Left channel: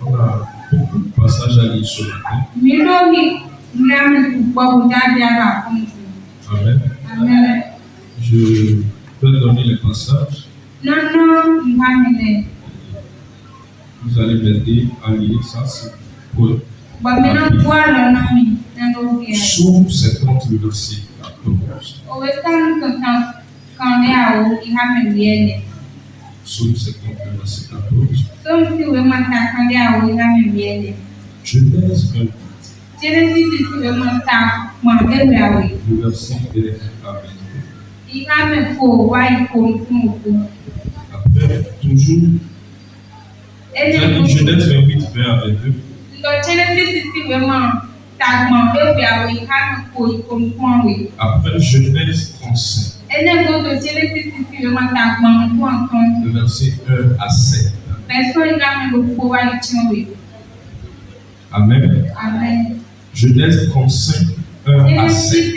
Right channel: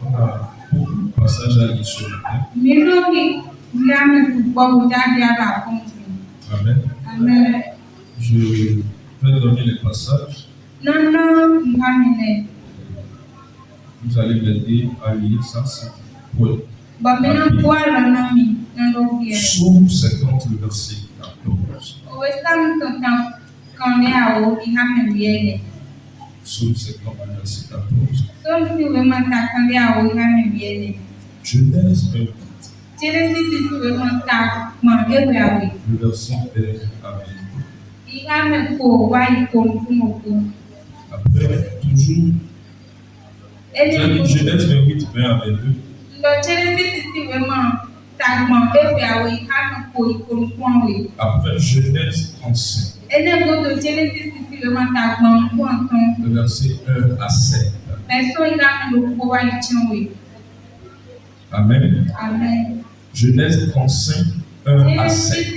On a beaucoup de passages à lire ce matin. Amen. Je vais donner les passages. Vous allez m'aider à lire ça. C'est pour Psaume 50, le verset 14. Psaume 50, le verset 14. Genèse 28. Le verset 1 à 22. Après, toujours, Genèse 28, 20 à 22. Après Genèse 35. Le verset 1 à 7. Amen. Genèse 35, 1 à 7.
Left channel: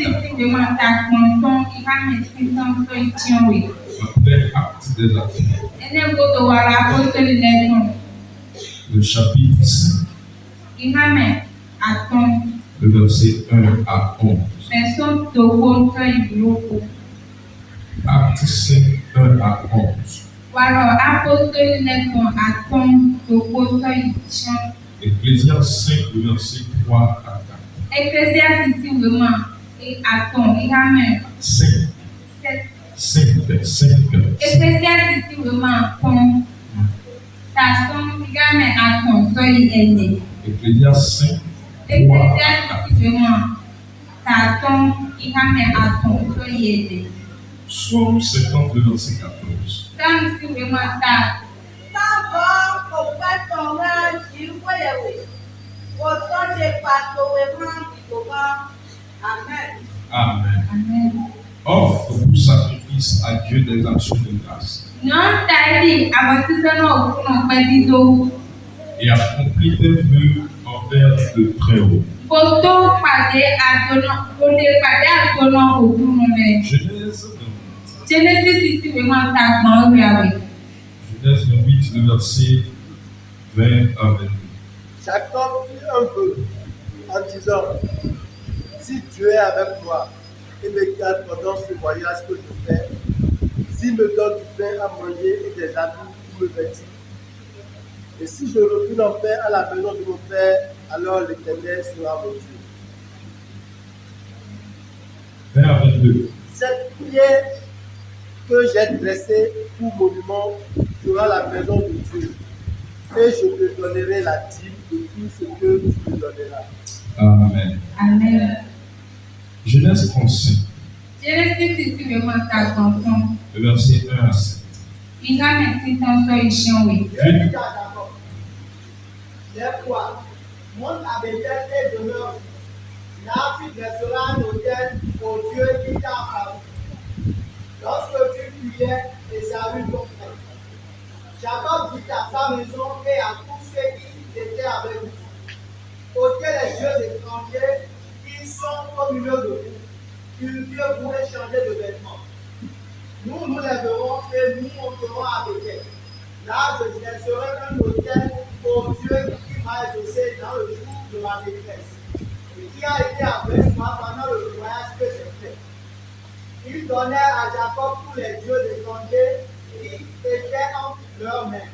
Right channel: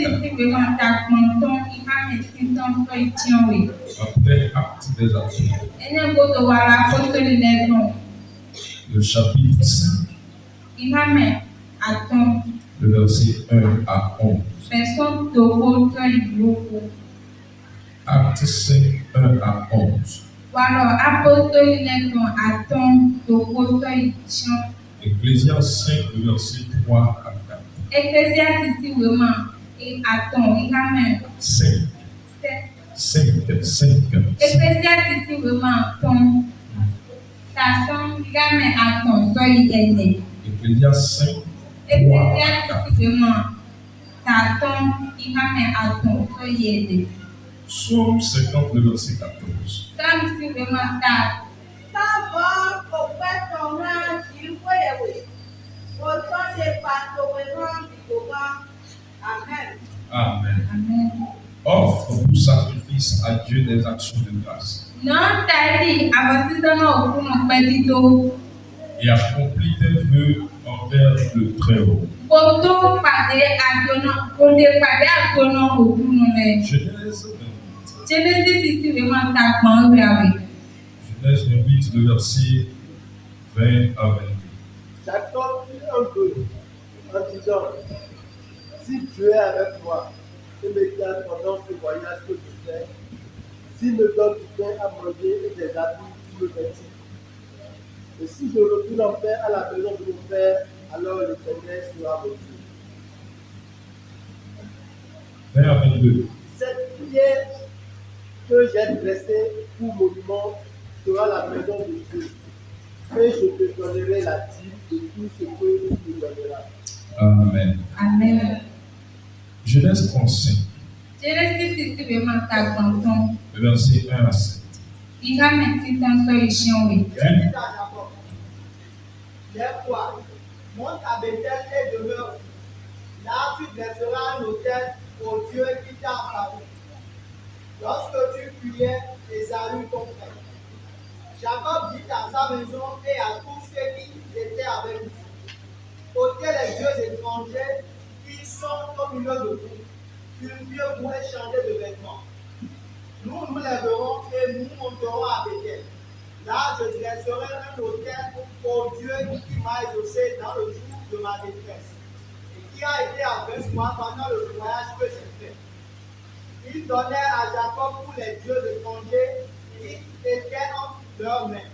Après Actes des Apôtres. Le chapitre 5. Le verset 1 à 11. Acte 5, 1 à 11. Ecclésiaste 5, le verset 3 à 4. 5. Ecclésiaste 5, 3 à 4. Psaume 50, le verset 14. Amen. Offre pour sacrifice à Dieu des actions de grâce. Et accomplis tes vœux envers le Très-Haut. Genèse 28, le verset 20 à 22. Jacob fit un vœu en disant: si Dieu est avec moi et me garde pendant ce voyage que je fais, s'il me donne du pain à manger et des habits pour me vêtir, et si je retourne en paix à la maison de mon père, alors l'Éternel sera mon Dieu. 20 à 22. Cette prière que j'ai dressée pour monument sera la maison de Dieu, et je te donnerai la dîme de tout ce que tu me donneras. Amen. Genèse 35. Le verset 1 à 7. Dieu dit à Jacob: lève-toi, monte à Bethel et demeure. Là, tu dresseras un autel au Dieu qui t'a apparu lorsque tu fuyais Ésaü ton frère. Jacob dit à sa maison et à tous ceux qui étaient avec lui: ôtez les dieux étrangers qui sont au milieu de vous, purifiez-vous et changez de vêtements. Nous nous lèverons et nous monterons à Bethel. Là, je dresserai un autel au Dieu qui m'a exaucé dans le jour de ma détresse et qui a été avec moi pendant le voyage que j'ai fait. Il donnait à Jacob tous les dieux étrangers qui étaient entre leurs mains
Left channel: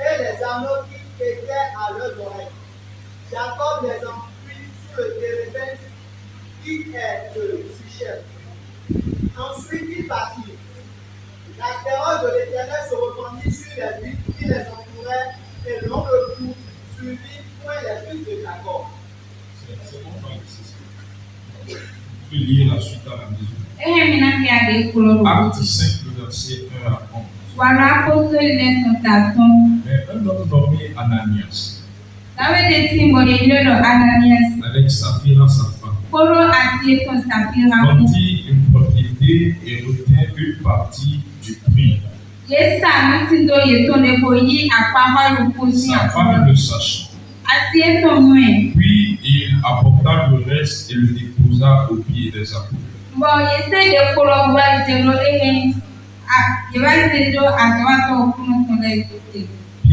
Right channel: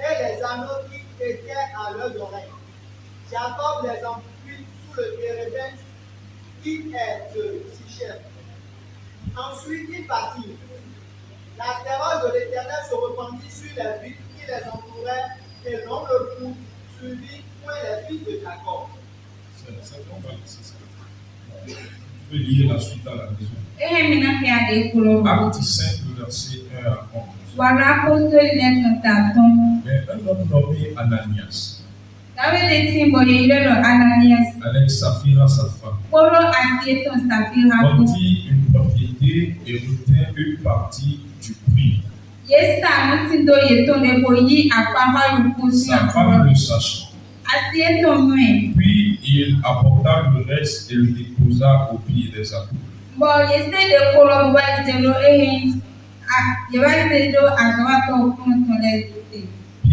et les anneaux qui étaient à leurs oreilles. Jacob les enfouit sous le térébinthe qui est de Sichem. Ensuite, il partit. La terreur de l'Éternel se répandit sur les villes qui les entouraient et l'on le poursuivit point les fils de Jacob. C'est bon, c'est ça. Vous pouvez lire la suite à la maison. Acte 5, le verset 1 à 11. Mais un homme nommé Ananias, avec Saphira sa femme, vendit une propriété et retint une partie du prix. Sa femme le sachant. Puis il apporta le reste et le déposa aux pieds des apôtres.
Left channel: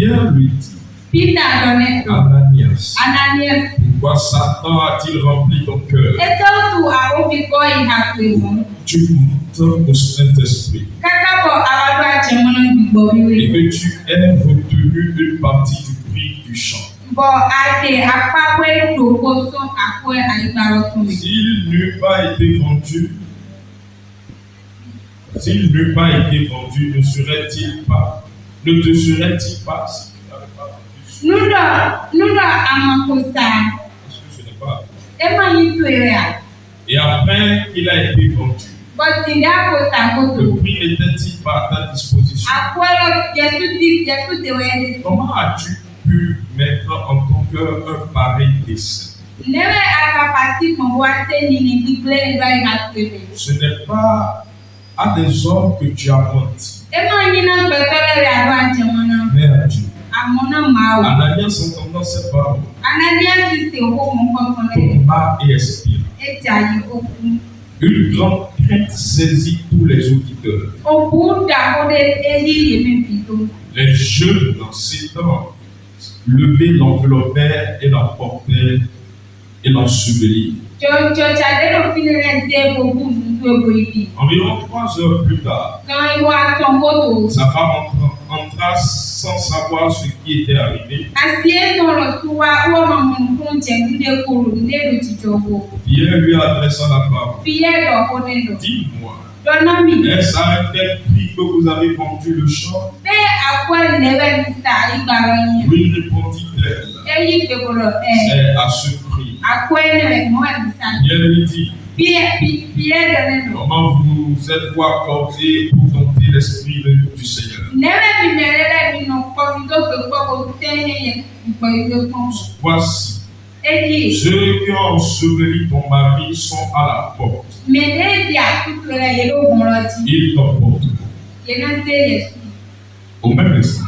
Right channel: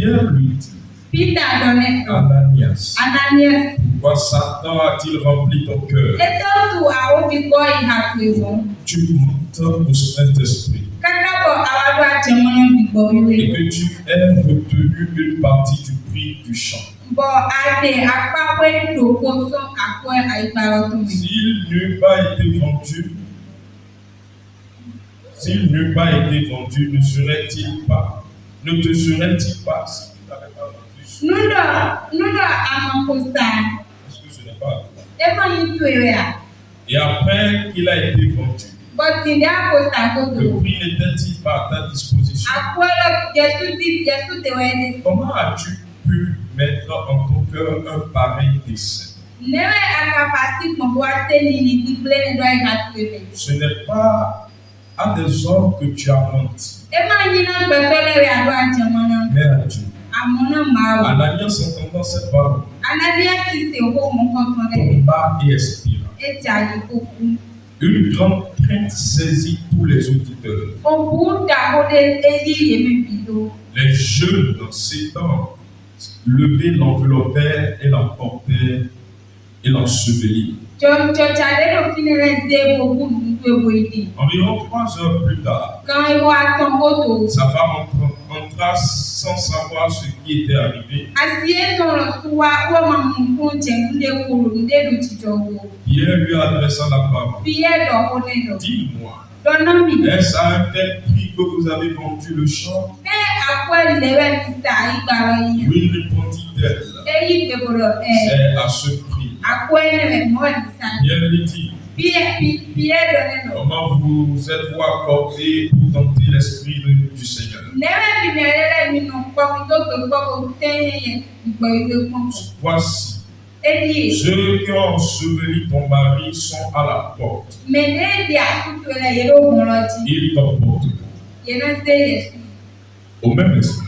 Pierre lui dit, Peter donetto. Ananias, Ananias. pourquoi Satan a-t-il rempli ton cœur? Então tu aobi ko ihakwewo. Tu montes au Saint-Esprit Kakabo awado achemono bigbo et wiwe. que tu aies retenu une partie du prix du champ. Bo ade akpakwe doko so akwe aigbaro to me. S'il n'eût pas été vendu, ne te serait-il pas, si tu n'avais pas vendu? Nudo amakosa. Est-ce que ce n'est pas? Ema yitoya. Et après qu'il a été vendu, But in akosa le koto. prix n'était-il pas à ta disposition? Akwelo Yesu te wede. Comment as-tu pu mettre en ton cœur un pareil dessein? Newe akapasi mwate nini diplene do ihakwewe. Ce n'est pas à des hommes que tu as menti, Ema nyina betole ado achemono. mais à Dieu. Amona mawo. Ananias, entendant cette parole, Ananias se ho mo kontone. tomba et expira. Ejayi oku. Une grande crainte saisit tous les auditeurs. Obuda ode eyi yemi bido. Les jeunes, s'étant levés, l'enveloppèrent et l'emportèrent et l'ensevelirent. Chachadero finere ze bobu ndu boidi. Environ 3 heures plus tard, Quand il voit ton goto. sa femme entra sans savoir ce qui était arrivé. Asie ton rosuwa uwa mamun kunche nde kuru nde do chijogo. Pierre lui adressa la parole. Pierre do konedo. Dis-moi, Donomi. est-ce à un tel prix que vous avez vendu le champ? Be akwe lewe visa igbaro yin. Oui, répondit-elle. Eyi keboro C'est à ce prix. akwe lewe mo visa. Pierre lui dit, Pierre donedo. comment vous êtes-vous accordé pour tenter l'esprit du Seigneur? Newe bimerele mino kwa mitoke kwa kotenye igbo kon. Voici, Eji. ceux qui ont enseveli ton mari sont à la porte. Mene di akutule yero bonloti. Ils t'emporteront. Yena se Yesu. Au même instant,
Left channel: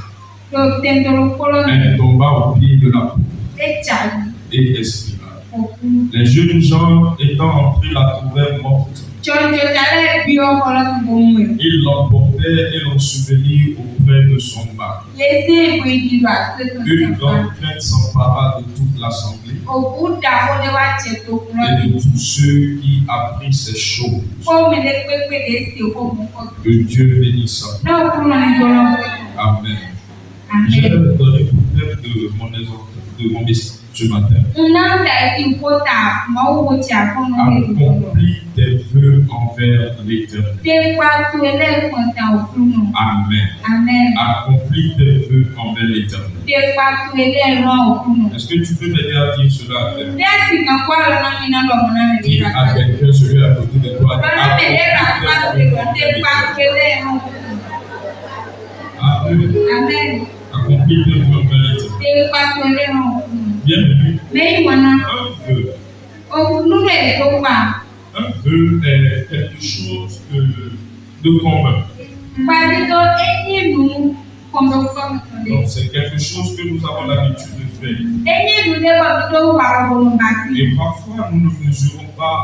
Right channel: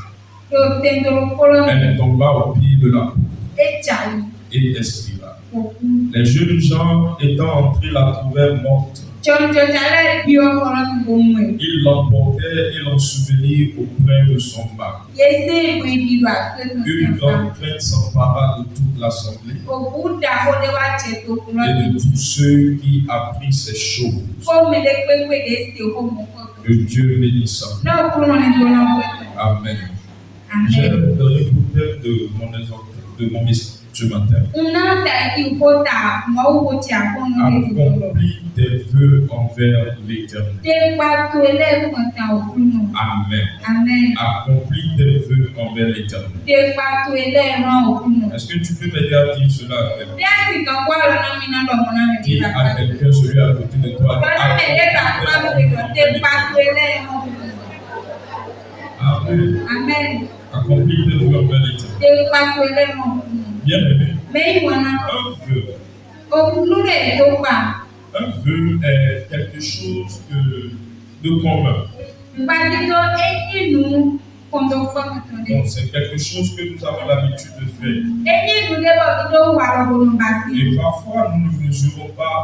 To tendoro kolon elle tomba au pied de la porte echayi et expira. oku. Les jeunes gens étant entrés la trouvèrent morte. Chonjo jale bio kolon bomwe. Ils l'emportèrent et l'ensevelirent auprès de son mari. Yese boidi do aseto Une sefa. grande crainte s'empara de toute l'assemblée Oku da ode wa cheto et kolon. de tous ceux qui apprirent ces choses. Ko me de pepe de se ko mo ko. Que Dieu bénisse ça. No kolon ni kolon. Amen. J'ai Amen. donné pour thème de mon exemple, de mon message ce matin. Una da iti kota mo wo cha kono de kolon. Accomplis tes vœux envers l'Éternel. Te pa to ele konta okuno. Amen. Amen. Accomplis tes vœux envers l'Éternel. Te pa to ele ran okuno. Est-ce que tu peux m'aider à dire cela avec moi? Desi kan kwa lo na mi na lo mo na me Dis di à ka. quelqu'un, celui à côté de toi. Lọ́nà mẹ́lẹ́rà Accomplis pàṣẹ tes te pa vœux. pélé ẹ̀hún. Amen. Amen. Accomplis tes vœux envers l'Éternel. Te pa pélé ẹ̀hún. Bien aimé, Mẹ́yìn wọn náà, un vœu. òkúnú rẹ̀ tó pa. Un vœu est quelque chose de commun. Gbadito eyín ìlú kọ̀ǹdọ̀kọ̀ tó dé. Donc, c'est quelque chose que nous avons l'habitude de faire. Eyín ìlú débọ̀ bí tó wà ọ̀bọ̀n bá sí. Et parfois, nous ne mesurons pas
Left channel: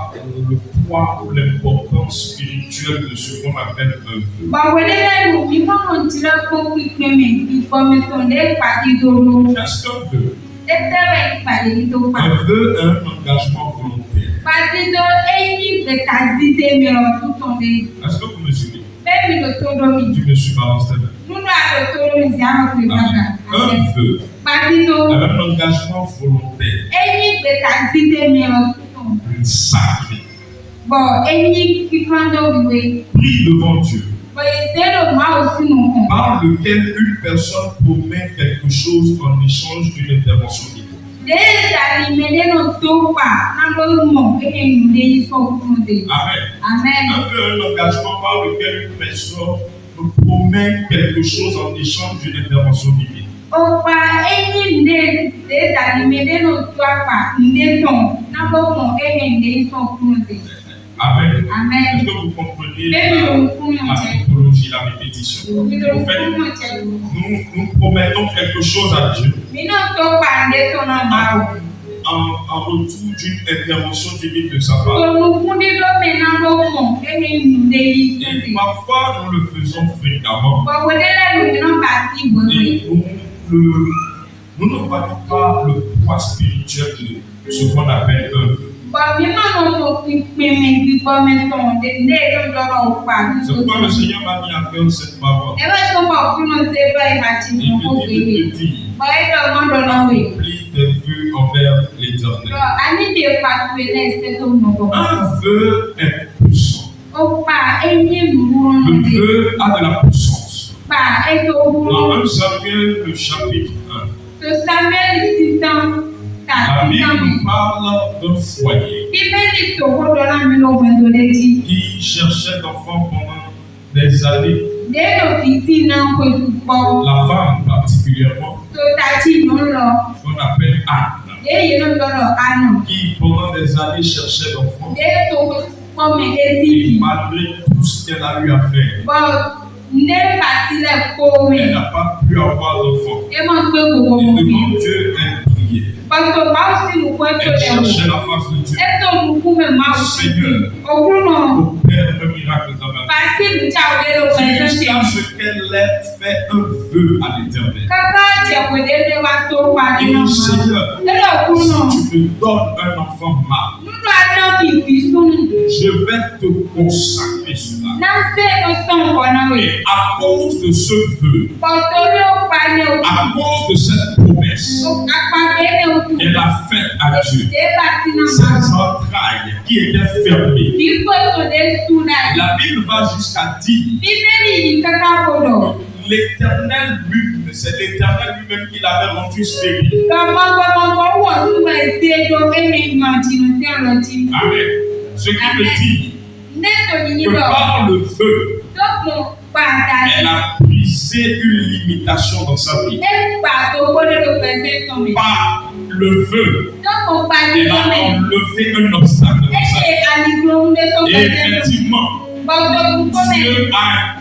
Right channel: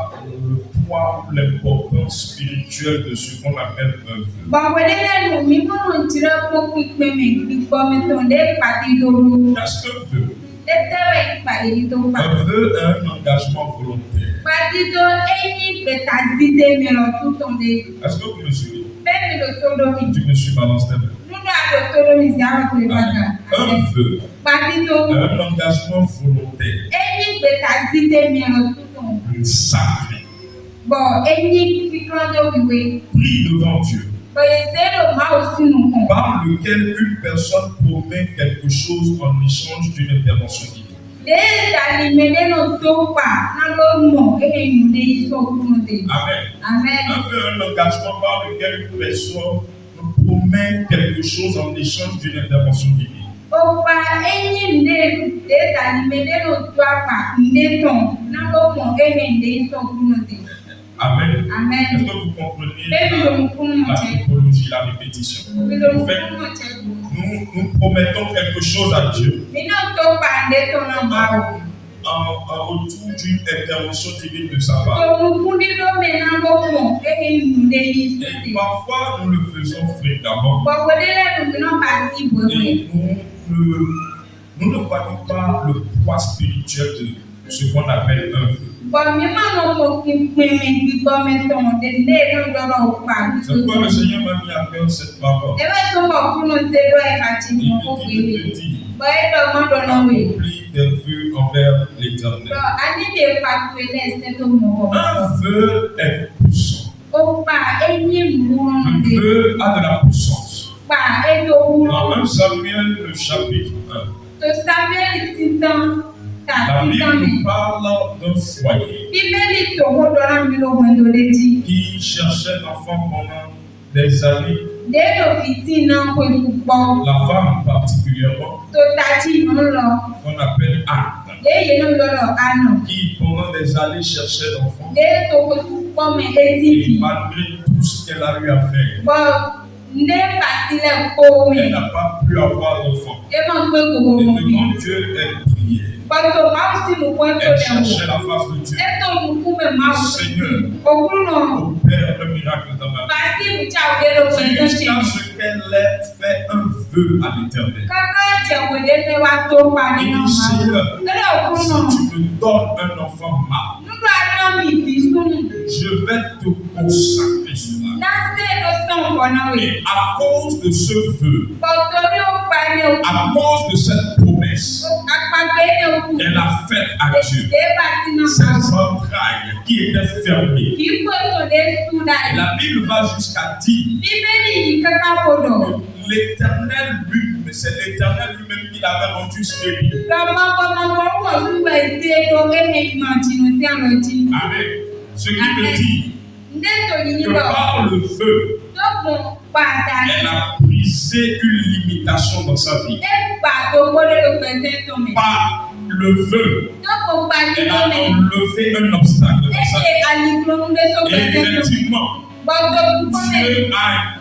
le poids ou l'importance spirituelle de ce qu'on appelle un vœu. Bọ̀wé lẹ́nu mi mọ̀nà tìrẹ kó pípé mi ìfọ̀mí tó dé ìpàdé dòdò. Qu'est-ce qu'un vœu? Tẹ́tẹ́rẹ̀ ìpàdé ní tó pa. Un vœu est un engagement volontaire. Gbadito eyín bẹ̀tà dídé mìíràn tó tàn dé. Est-ce que vous mesurez? Bẹ́ẹ̀ mi lò tó lómi. Tu me suis balancé. Nínú àlọ́ tó lómi sí àrò pé bàtà. Un vœu Gbadito. est un engagement volontaire, Eyín gbèta dídé mìíràn tuntun. sacré, Bọ̀ eyín kíkan lóríwé. pris devant Dieu, Bọ̀yẹ̀ sẹ́lò máa ò sínú kan. par lequel une personne promet quelque chose en échange d'une intervention divine. Lẹ́yìn tàbí mẹ́lẹ́nu tó pa náà ló mọ̀ èyí lè yí sọ́kùnrin dé. Amen. Amen. Un vœu est un engagement par lequel une personne promet quelque chose en échange d'une intervention divine. Ọ̀pá eyín lè tàbí mẹ́lẹ́nu tó pa ndé tán náà ló mọ̀ èyí lè yí sọ́kùnrin dé. Amen. Amen. Est-ce que vous comprenez Bẹ́ẹ̀ni la, òun fún mọ̀ la jẹ́. typologie, la répétition? Òbí ló En fún fait, mọ̀ jẹ́. nous promettons quelque chose à Dieu Mi náà tó pa ndé tán náà máa wò. en retour d'une intervention divine de sa part. Tòmùkúndínlómi náà ló mọ̀ èyí lè yí Et sọ́kùnrin. parfois, nous le faisons fréquemment. Bọ̀wọ̀dé lẹ́nu mi náà bá sí ìbò Et mi. nous nous ne voyons pas le poids spirituel de ce qu'on appelle œuvre. C'est pourquoi le Seigneur m'a mis à cœur cette parole. Il me dit de te dire, accomplis tes vœux envers l'Éternel. Un vœu est puissant. Le vœu a de la puissance. Dans 1 Samuel, le chapitre 1, la Bible parle d'un foyer qui cherchait d'enfants pendant des années. La femme particulièrement, qu'on appelle Anne, qui pendant des années cherchait d'enfants. Et malgré tout ce qu'elle a eu à faire, elle n'a pas pu avoir d'enfant. Et devant Dieu, elle priait. Elle cherchait la face de Dieu. Seigneur, opère le miracle dans ma vie. Jusqu'à ce qu'elle ait fait un vœu à l'Éternel. Et dit, Seigneur, si tu me donnes un enfant mâle, je vais te consacrer cela. Et à cause de ce vœu, à cause de cette promesse, elle a fait à Dieu ses entrailles qui étaient fermées. La Bible va jusqu'à dire l'Éternel lui-même, c'est l'Éternel lui-même qui l'avait rendu stérile. Amen. Ce qui veut dire que par le vœu, elle a brisé une limitation dans sa vie. Par le vœu, elle a enlevé un obstacle dans sa vie. Et effectivement, Dieu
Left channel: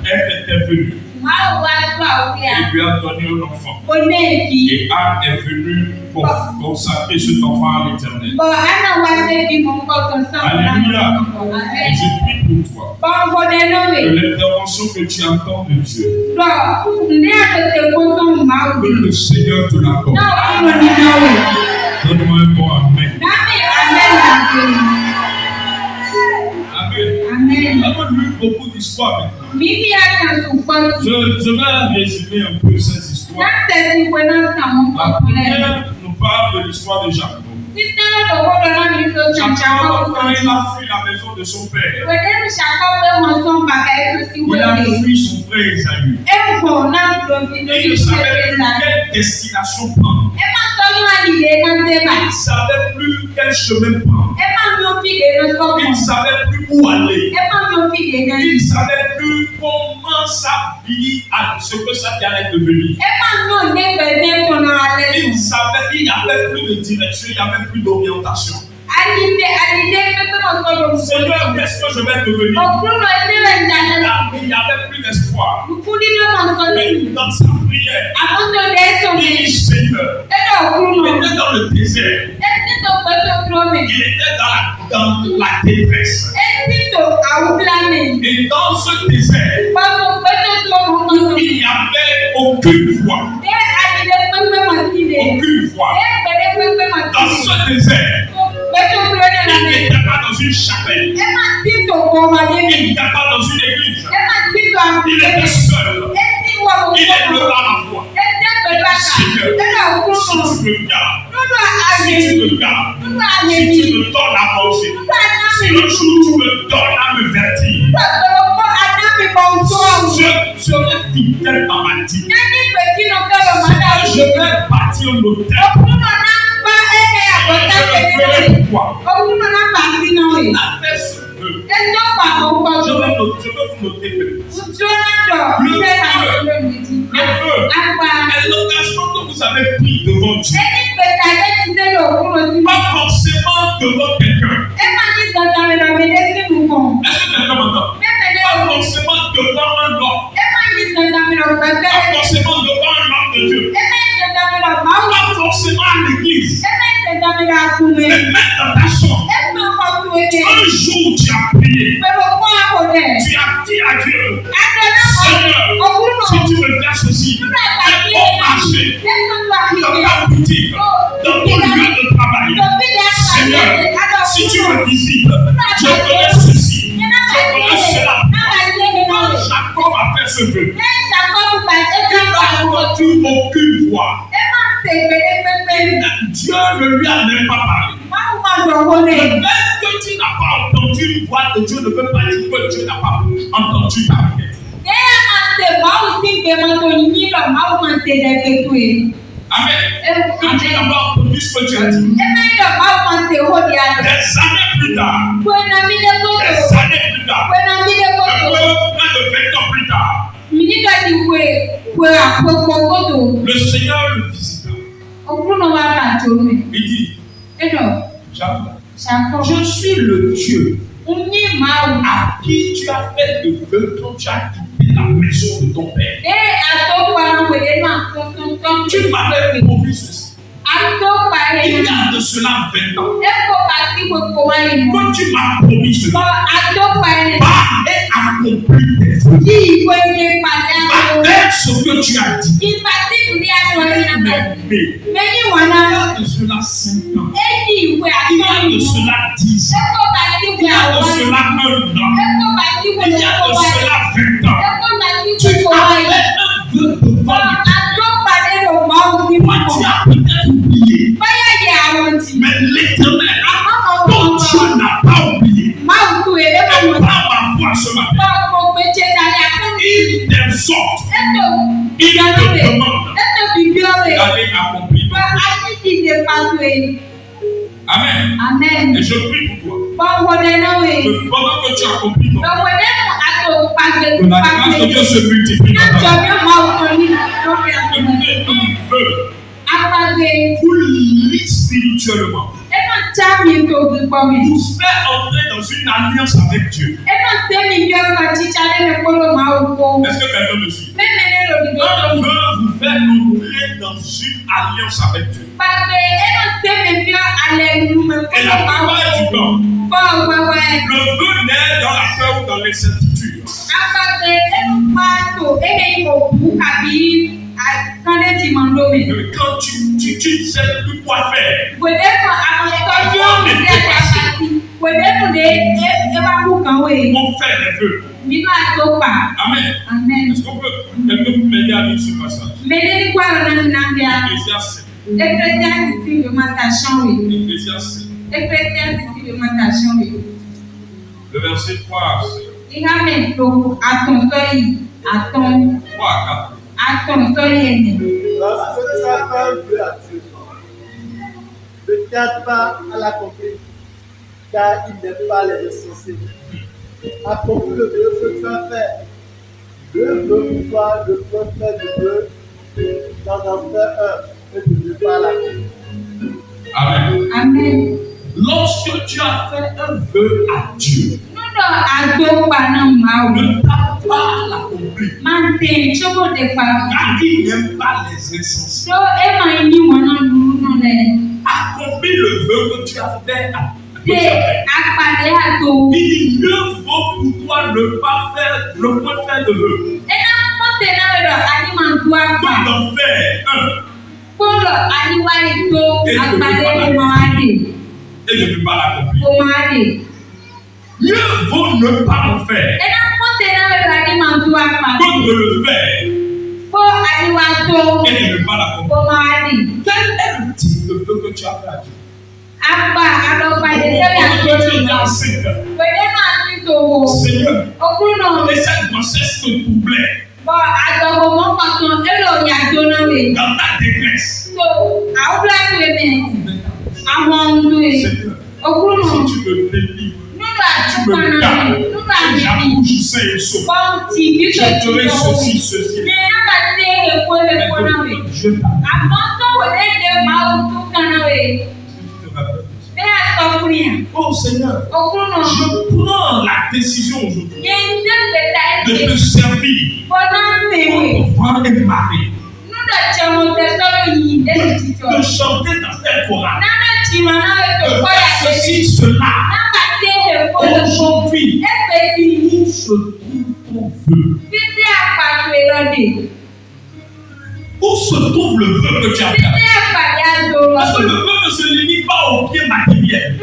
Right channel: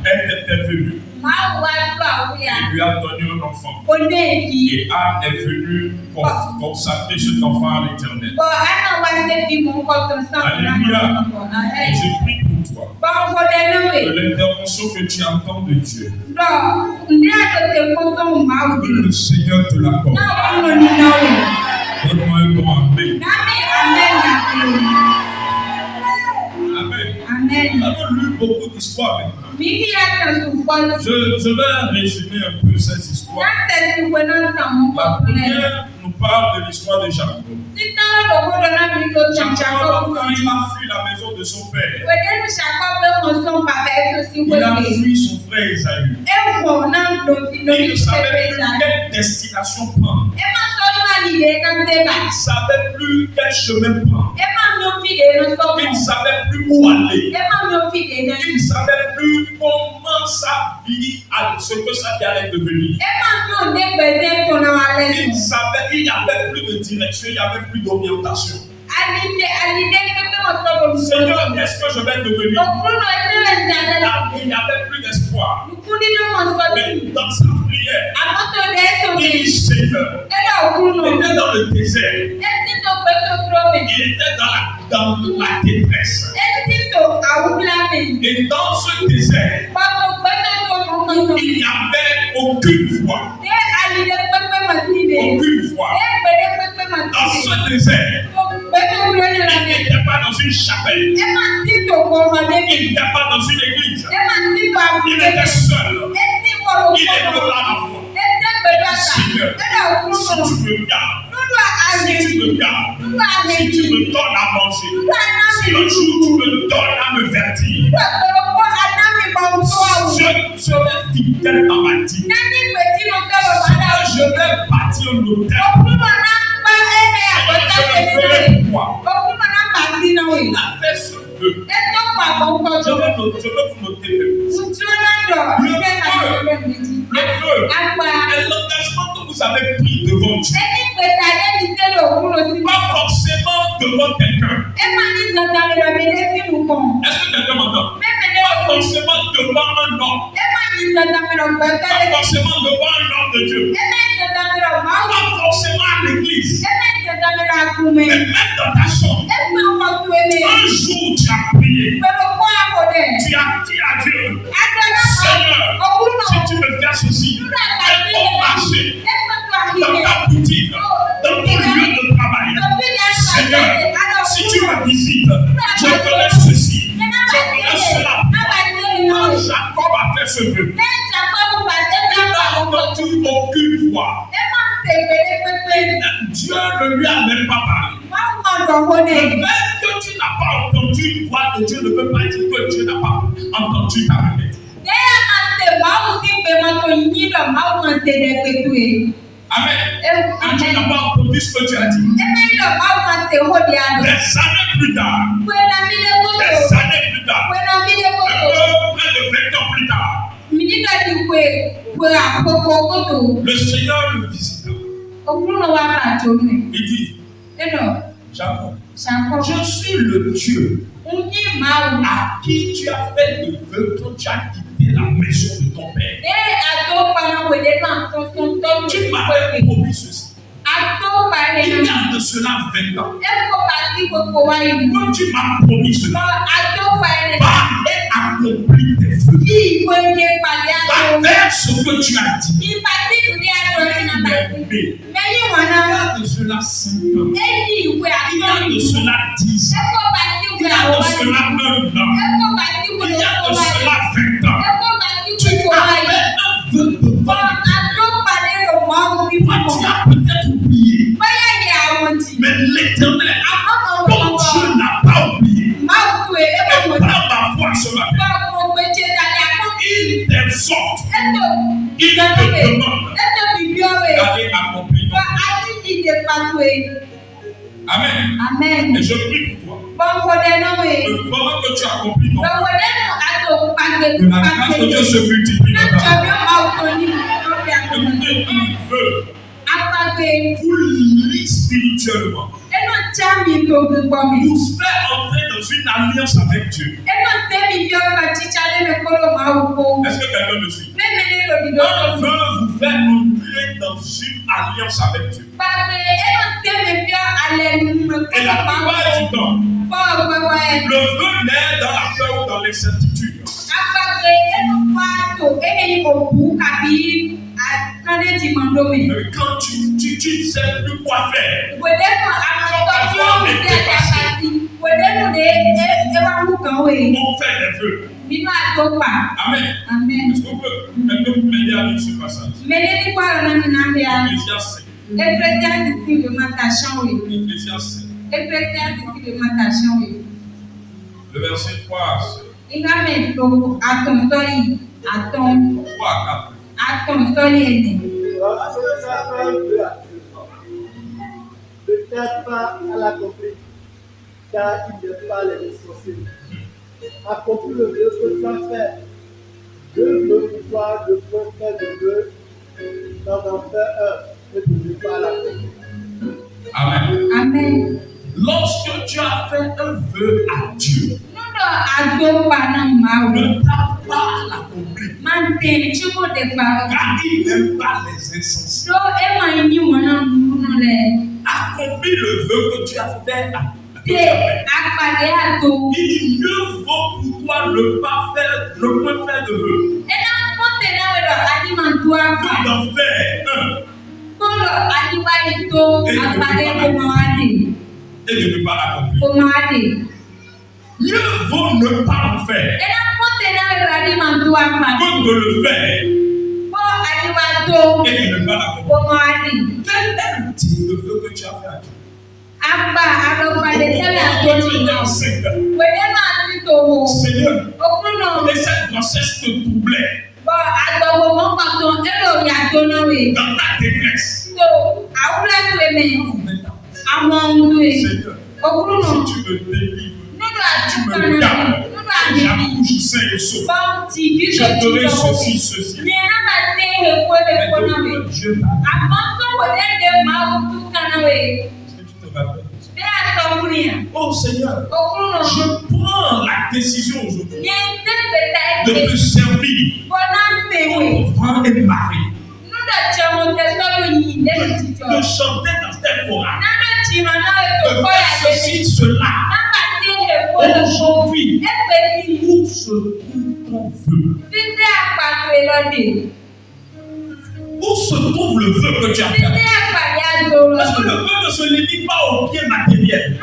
est intervenu. Il lui a donné un enfant. Et Anne est venue pour consacrer cet enfant à l'Éternel. Alléluia. Et je prie pour toi que l'intervention que tu entends de Dieu, que le Seigneur te l'accorde. Donne-moi un bon amen. Nous avons lu beaucoup d'histoires maintenant. Je vais résumer un peu cette histoire. La première nous parle de l'histoire de Jacob. Jacob, quand il a fui la maison de son père, il a fui son frère Esaü. Et il ne savait plus quelle destination prendre. Il ne savait plus quel chemin prendre. Il ne savait plus où aller. Il ne savait plus comment sa vie, ce que sa vie allait devenir. Il savait, il n'y avait plus de direction, il n'y avait plus d'orientation. Seigneur, qu'est-ce que je vais devenir? Il n'y avait plus d'espoir. Mais dans sa prière, il dit Seigneur, il était dans le désert. Il était dans la détresse. Et dans ce désert, il n'y avait aucune voix. Aucune voix. Dans ce désert, il n'était pas dans une chapelle. Il n'était pas dans une église. Il était seul. Il est là à la voix. Seigneur, si tu me gardes, si tu me gardes, si tu me donnes à manger, si un jour tu me donnes à me vertir, je serai fidèle dans ma vie. Je vais bâtir l'autel. Je le ferai pour toi. Avec ce vœu, je veux vous noter le feu est l'engagement que vous avez pris devant Dieu. Pas forcément devant quelqu'un. Est-ce que quelqu'un m'entend? Pas forcément devant un homme. Pas forcément devant un homme de Dieu. Pas forcément à l'église. Mais même dans ta chambre. Un jour tu as prié. Tu as dit à Dieu, Seigneur, si tu me fais ceci, fais-moi marcher. dans ta boutique, dans ton lieu de travail. Seigneur, si tu me visites, je connais ceci, je connais cela. Quand Jacob a fait ce vœu, il n'a entendu aucune voix. Dieu ne lui a même pas parlé. Le fait que tu n'as pas entendu une voix de Dieu ne veut pas dire que Dieu n'a pas entendu ta requête. Amen. Quand tu n'as pas entendu ce que tu as dit, des années plus tard, un peu près de 20 ans plus tard, le Seigneur le visita. Il dit, Jacob, je suis le Dieu à qui tu as fait le vœu quand tu as quitté la maison de ton père. Tu m'avais promis ceci. Il y a de cela 20 ans que tu m'as promis cela. Va et accomplis tes vœux. Va faire ce que tu as dit. Mais il y a de cela 5 ans. Il y a de cela 10 ans. Il y a de cela 1 an. Il y a de cela 20 ans. Tu as fait un vœu devant moi, tu as peut-être oublié. Mais l'Éternel, ton Dieu n'a pas oublié. Et par ma voix ce matin, il t'exhorte, il te demande d'aller accomplir ton vœu. Amen. Et je prie pour toi. Que pendant que tu accomplis ton vœu, que la grâce de Dieu se multiplie dans ta vie. Écoutez, un vœu vous lit spirituellement. Vous fait entrer dans une alliance avec Dieu. Est-ce que quelqu'un me suit? Un vœu vous fait entrer dans une alliance avec Dieu. Et la plupart du temps, le vœu naît dans la peur ou dans l'incertitude. Quand tu ne sais plus quoi faire, on fait des vœux. Amen. Est-ce qu'on peut quelqu'un m'aider à lire ce passage? Ecclésiaste. Le verset 3. 3 à 4. Lorsque tu as fait un vœu à Dieu, ne tarde pas à l'accomplir, car il n'est pas les insensés. Accomplis le vœu que tu as fait. Dieu veut pour toi de prendre faire de vœux, d'en faire un et de ne pas l'accomplir. Amen. Lorsque tu as fait un vœu à Dieu, ne tarde pas à l'accomplir. Car il n'aime pas les insensés. Accomplis le vœu que tu as fait à Dieu. Il dit, mieux vaut pour toi ne pas faire de vœu que d'en faire un et de ne pas l'accomplir. Mieux vaut ne pas en faire que de le faire et de ne pas l'accomplir. Quel est le type de vœu que tu as fait à Dieu? Seigneur, et cette grossesse te troublait dans ta détresse. Seigneur, si tu me délivres, tu me gardes, j'accouche sain et sauf, je ferai ceci. Mais Dieu oh Seigneur, je prends la décision aujourd'hui de te servir comme vent et marée, de chanter dans tes chorales, de faire ceci, cela. Aujourd'hui, où se trouve ton vœu? Où se trouve le vœu vœu que tu as fait. Parce que le vœu ne se limite pas au pied matériel.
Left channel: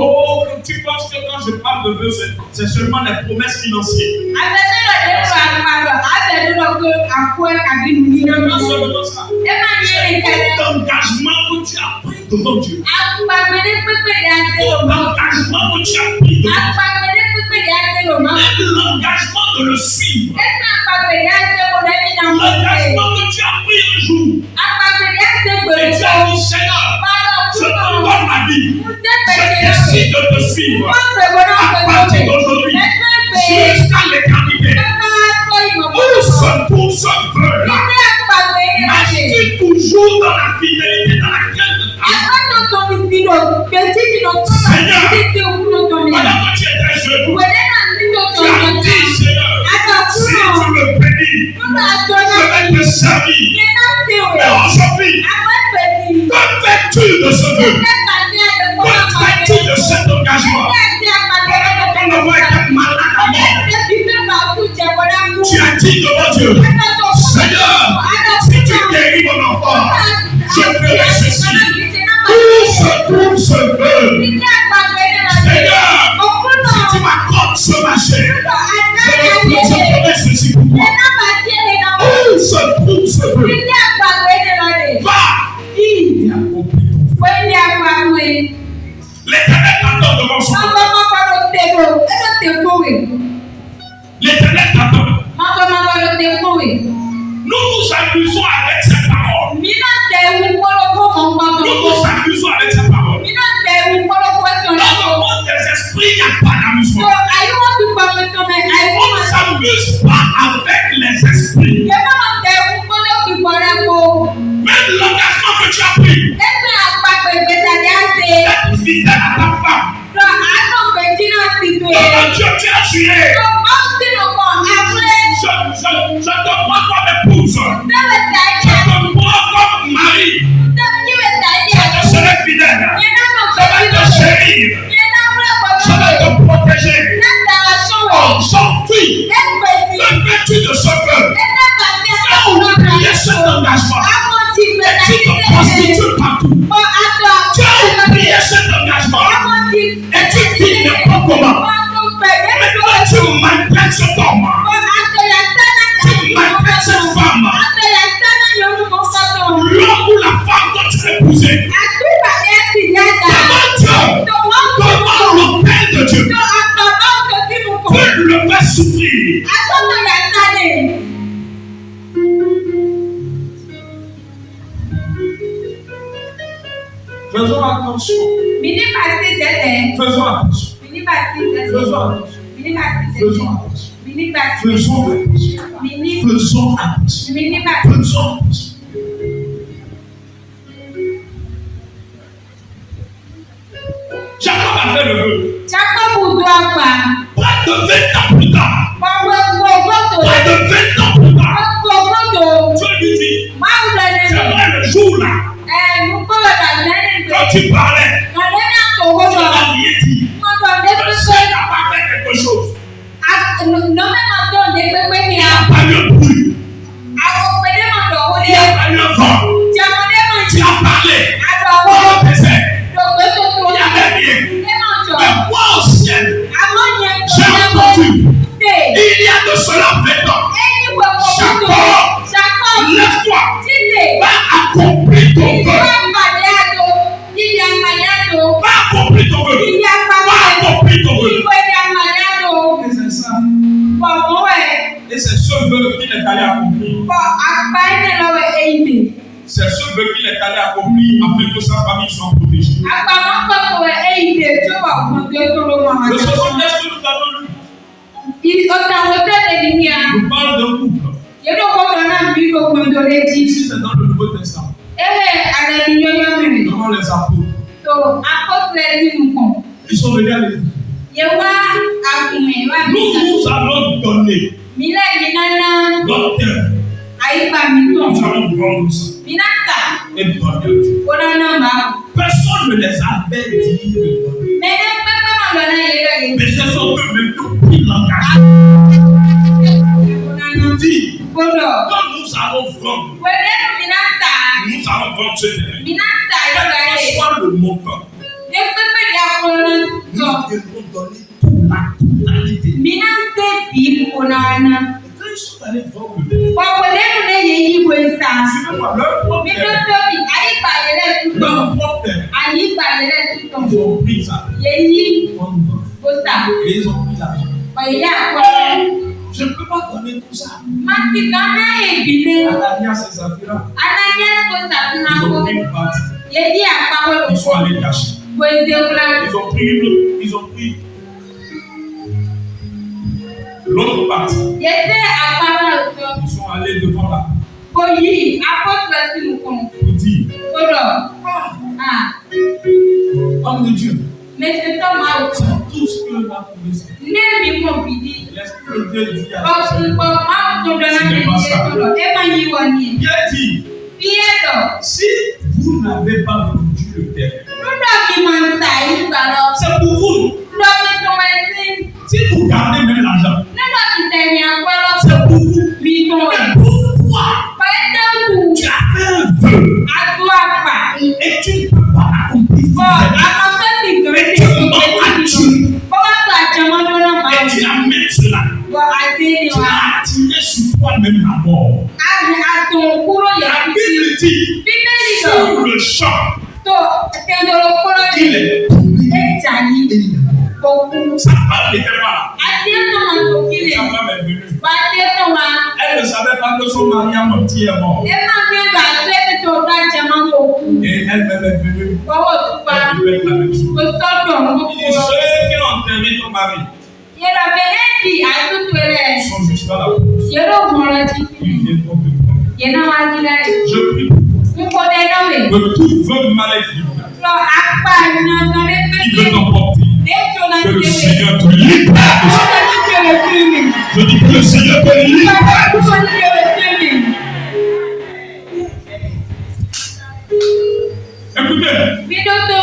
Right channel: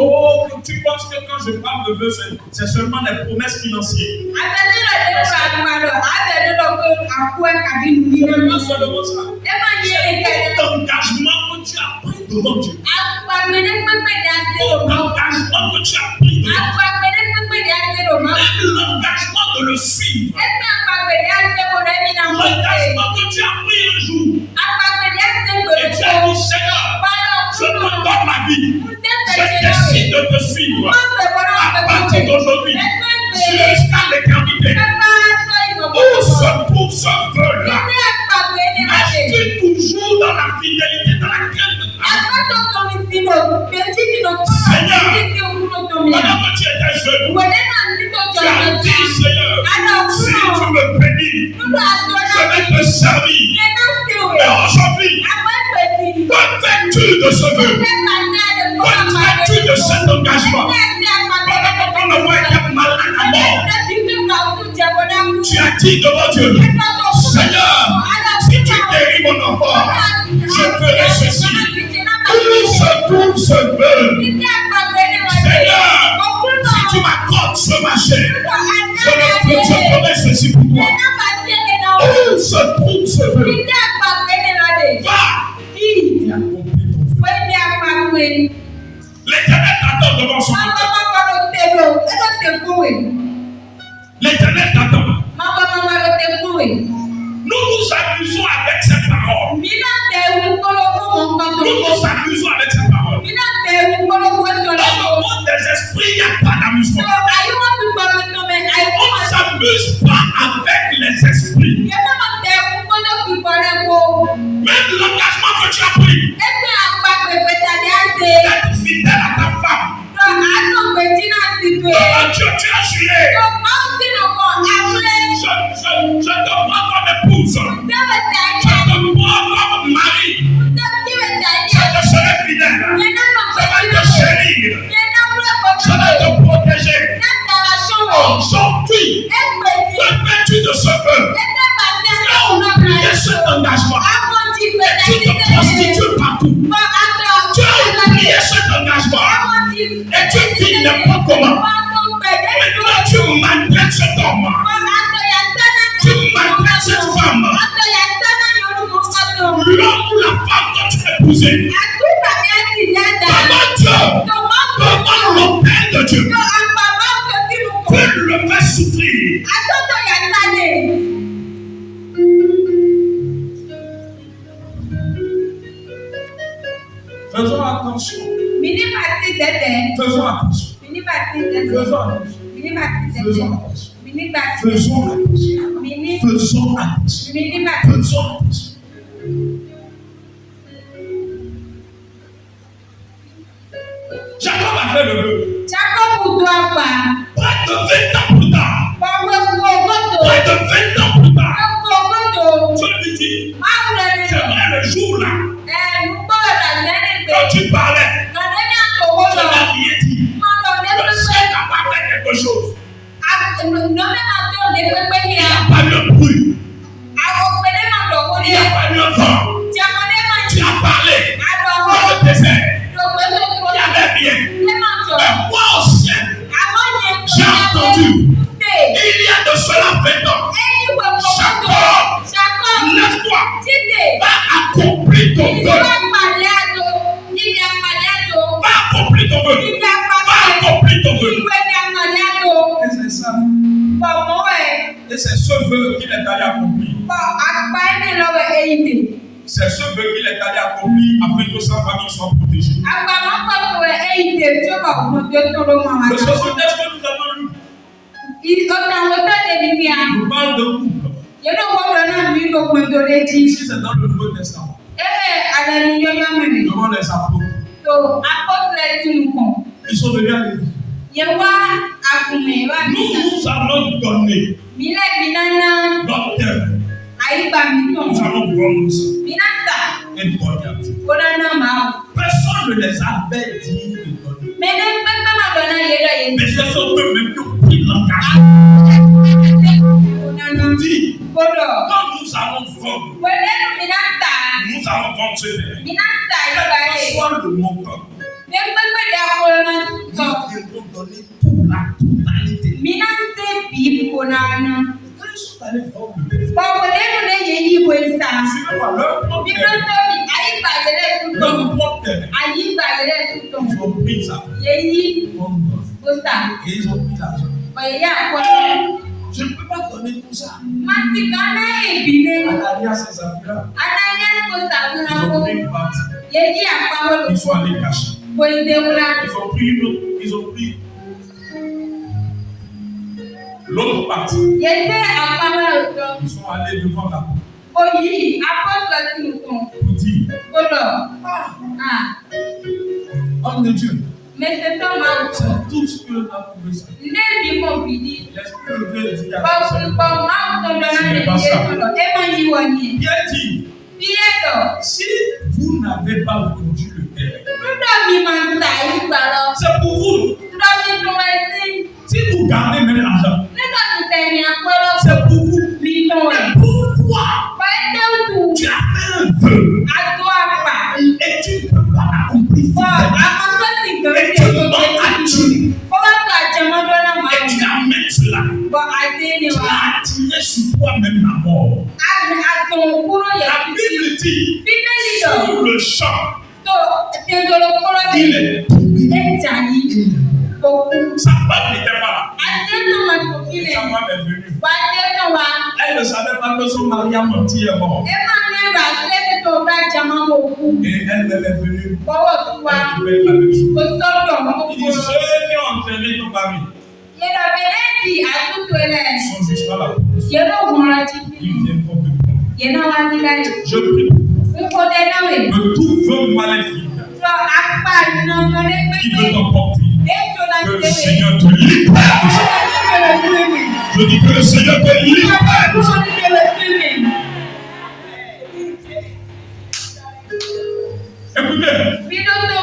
Oh, tu penses que quand je parle de vœux, c'est seulement des promesses financières. Non seulement ça. L'engagement que tu as pris devant Dieu. L'engagement que tu as pris devant Dieu. Même l'engagement de le suivre. L'engagement que tu as pris un jour. Et tu as dit, Seigneur, je te donne ma vie. Je décide de te suivre. À partir d'aujourd'hui, jusqu'à l'éternité. Où se trouve ce vœu-là? Marche-tu toujours dans la fidélité dans laquelle Seigneur, pendant que tu étais jeune, tu as dit, Seigneur, si tu me bénis, je vais te servir. Mais aujourd'hui, que fais-tu de ce vœu? Que fais-tu de cet engagement? Pendant que ton enfant était malade à mort, tu as dit devant Dieu, Seigneur, si tu guéris mon enfant, je ferai ceci. Où se trouve ce vœu? Seigneur, si tu m'accordes ce marché, je ferai ceci pour toi. Où se trouve ce vœu? Va et accomplis. L'Éternel t'attend devant son trône. L'Éternel t'attend. Nous nous amusons avec cette parole. Nous nous amusons avec cette parole. Dans le monde des esprits, il n'y a pas d'amusement. On ne s'amuse pas avec les esprits. Même l'engagement que tu as pris, d'être fidèle à ta femme, devant Dieu, tu as juré. Je te prends comme épouse. Je te prends comme mari. Je te serai fidèle. Je vais te chérir. Je vais te protéger. Aujourd'hui, que fais-tu de ce vœu? Tu as oublié cet engagement. Et tu te prostitues partout. Tu as oublié cet engagement. Et tu dis n'importe comment. Maintenant, tu maltraites cet homme. Tu maltraites cette femme. L'homme ou la femme dont tu l'as épousé. Comment Dieu, comment le Père de Dieu peut le faire souffrir? Faisons attention. Faisons attention. Faisons attention. Faisons attention. Faisons attention. Faisons attention. Faisons attention. Jacob a fait le vœu. Près de 20 ans plus tard. Près de 20 ans plus tard. Dieu lui dit, c'est vrai le jour là. Quand tu parlais, tu n'as rien dit. Le ciel n'a pas fait quelque chose. Il n'y a pas eu un bruit. Il n'y a pas eu un vent. Tu as parlé dans le désert. Il n'y avait rien. Mais moi au ciel, j'ai entendu. Il y a de cela 20 ans. Jacob, lève-toi. Va accomplir ton vœu. Va accomplir ton vœu. Va accomplir ton vœu. Et c'est ça. Et c'est ce vœu qu'il est allé accomplir. C'est ce vœu qu'il est allé accomplir afin que sa famille soit protégée. Le 69 que nous avons lu. Nous parle d'un couple. Ici, c'est dans le Nouveau Testament. Devant les apôtres. Ils sont venus à l'église. Nous allons donner notre cœur. Nous allons vendre ça. Et donner à Dieu. Personne ne les avait dit de donner. Mais ce sont eux-mêmes qui ont pris l'engagement. Nous dit, quand nous allons vendre. Wẹ̀dẹ́nu mi náà tà. Nous allons vendre ce terrain. Mi náà tà Quel ìgbà que yẹn. soit le montant, Efefe de akọlọ nous tọ̀. devons donner toute la totalité. Mi náà tẹ̀ bí ìfònàna. Quand ils sont allés vendre le terrain, Wà wẹ̀dẹ́nu náà yẹ yí ìwé sá. suivez-moi, leur propre Mi ló terrain, tóbi, àyíká yẹrẹ tutọ̀. leur propre terrain, Àyíká yẹrẹ tutọ̀. ils ont pris ça. Yẹ yí Pour nous. kó sá. Et ils ont pris l'argent. Ọ̀yẹ́ àkọlọ. Je ne peux pas donner tout ça. Màsí kan náà èbìlẹ̀. Ananias et Saphira, Ananyẹ́ kó sàfihàn ils kó. ont pris une partie. Yẹ yí àpamọ́ Ils sont lòpọ̀. allés cacher. Wẹ̀dẹ́wura. Ils ont pris une autre, ils ont pris l'autre partie. Yẹ sẹ́ àpamọ́ lòpọ̀. Ils sont allés devant la Oyì apọ́tùlọ̀ sínú kan. pour dire, Kódọ̀. Ah, homme de Dieu, mẹsẹ̀tọ́ máa wù. c'est tout ce que l'on a trouvé. Nne mi mọ̀ bìdí. L'Esprit de Dieu dit à Ọ̀pọ̀ máa ń tọ́ dọ́là ní ìdíyẹ sọ̀rọ̀. Ẹ máa yí wọ ni. Pierre dit, Bí ẹ lọ, si vous n'avez pas vendu le terrain, lọ́dọ̀ mi máa ń ta ìgbà lọ. c'est pour vous. Lọ́ mi tó máa sí. Si vous gardez même l'argent, Lọ́dọ̀ mi tẹ̀lé àpọ́lọ́. c'est pour vous. Mi tó Mais rẹ̀. pourquoi Pẹ̀lẹ́ kù. tu as fait un vœu Adó àpà. et tu ne peux pas accomplir ce Bọ̀ vœu? àwọn fẹ́sì gan Mais ṣe tu tó m'as pẹ̀lú. attiré Bọ́wọ́ tó àjẹmọ́dọ́ náà máa et wù. tu amènes cela. Bọ̀ àdé ni Tu wà. as attiré sur toi-même la mort. Àtọ̀ kúrò yà. La Bible dit, Bíbélì lọ. sur le champ, Tó tẹ̀dọ̀rọ̀ kúrò il yìí. est pourri. Ẹ̀jà yìí. Et Kò kú. sa femme n'était pas là. Àti ètò máa tó Et kílẹ̀. sa femme est venue. Wà á ti ètò wa. Elle ne savait pas que son mari a menti et est mort. Ẹ máa ní ẹ̀rọ àti ẹ̀mí tó bá jẹ máa wò kú. Et elle-même est venue. Bọ́wọ́ tó wa. Elle lui fait la même chose. Kò sọ́dọ̀ mọ́ Il dit, kúrò. ceux qui ont enterré ton mari Ìrọ̀bẹ̀rẹ̀ di àtúntò rẹ̀. sont jusqu'à la porte. Yẹ́rọ òmùrọ̀ jí. Ils viendront te prendre. Yẹ́nà wá dídá rẹ̀. Je prie Nkọ́dẹ̀ náà wẹ̀. que tout vœu maléfique Lọ apá ìyàtọ̀ rẹ̀ qui pépé. veut t'emporter, Ètò náà que le ṣe wẹ̀. Seigneur te libère de ça. Kúrò ní kẹrẹ fún mi. Je dis que le Seigneur te libère de ça. Kúrò ní kẹrẹ fún mi. Écoutez, Bídótó.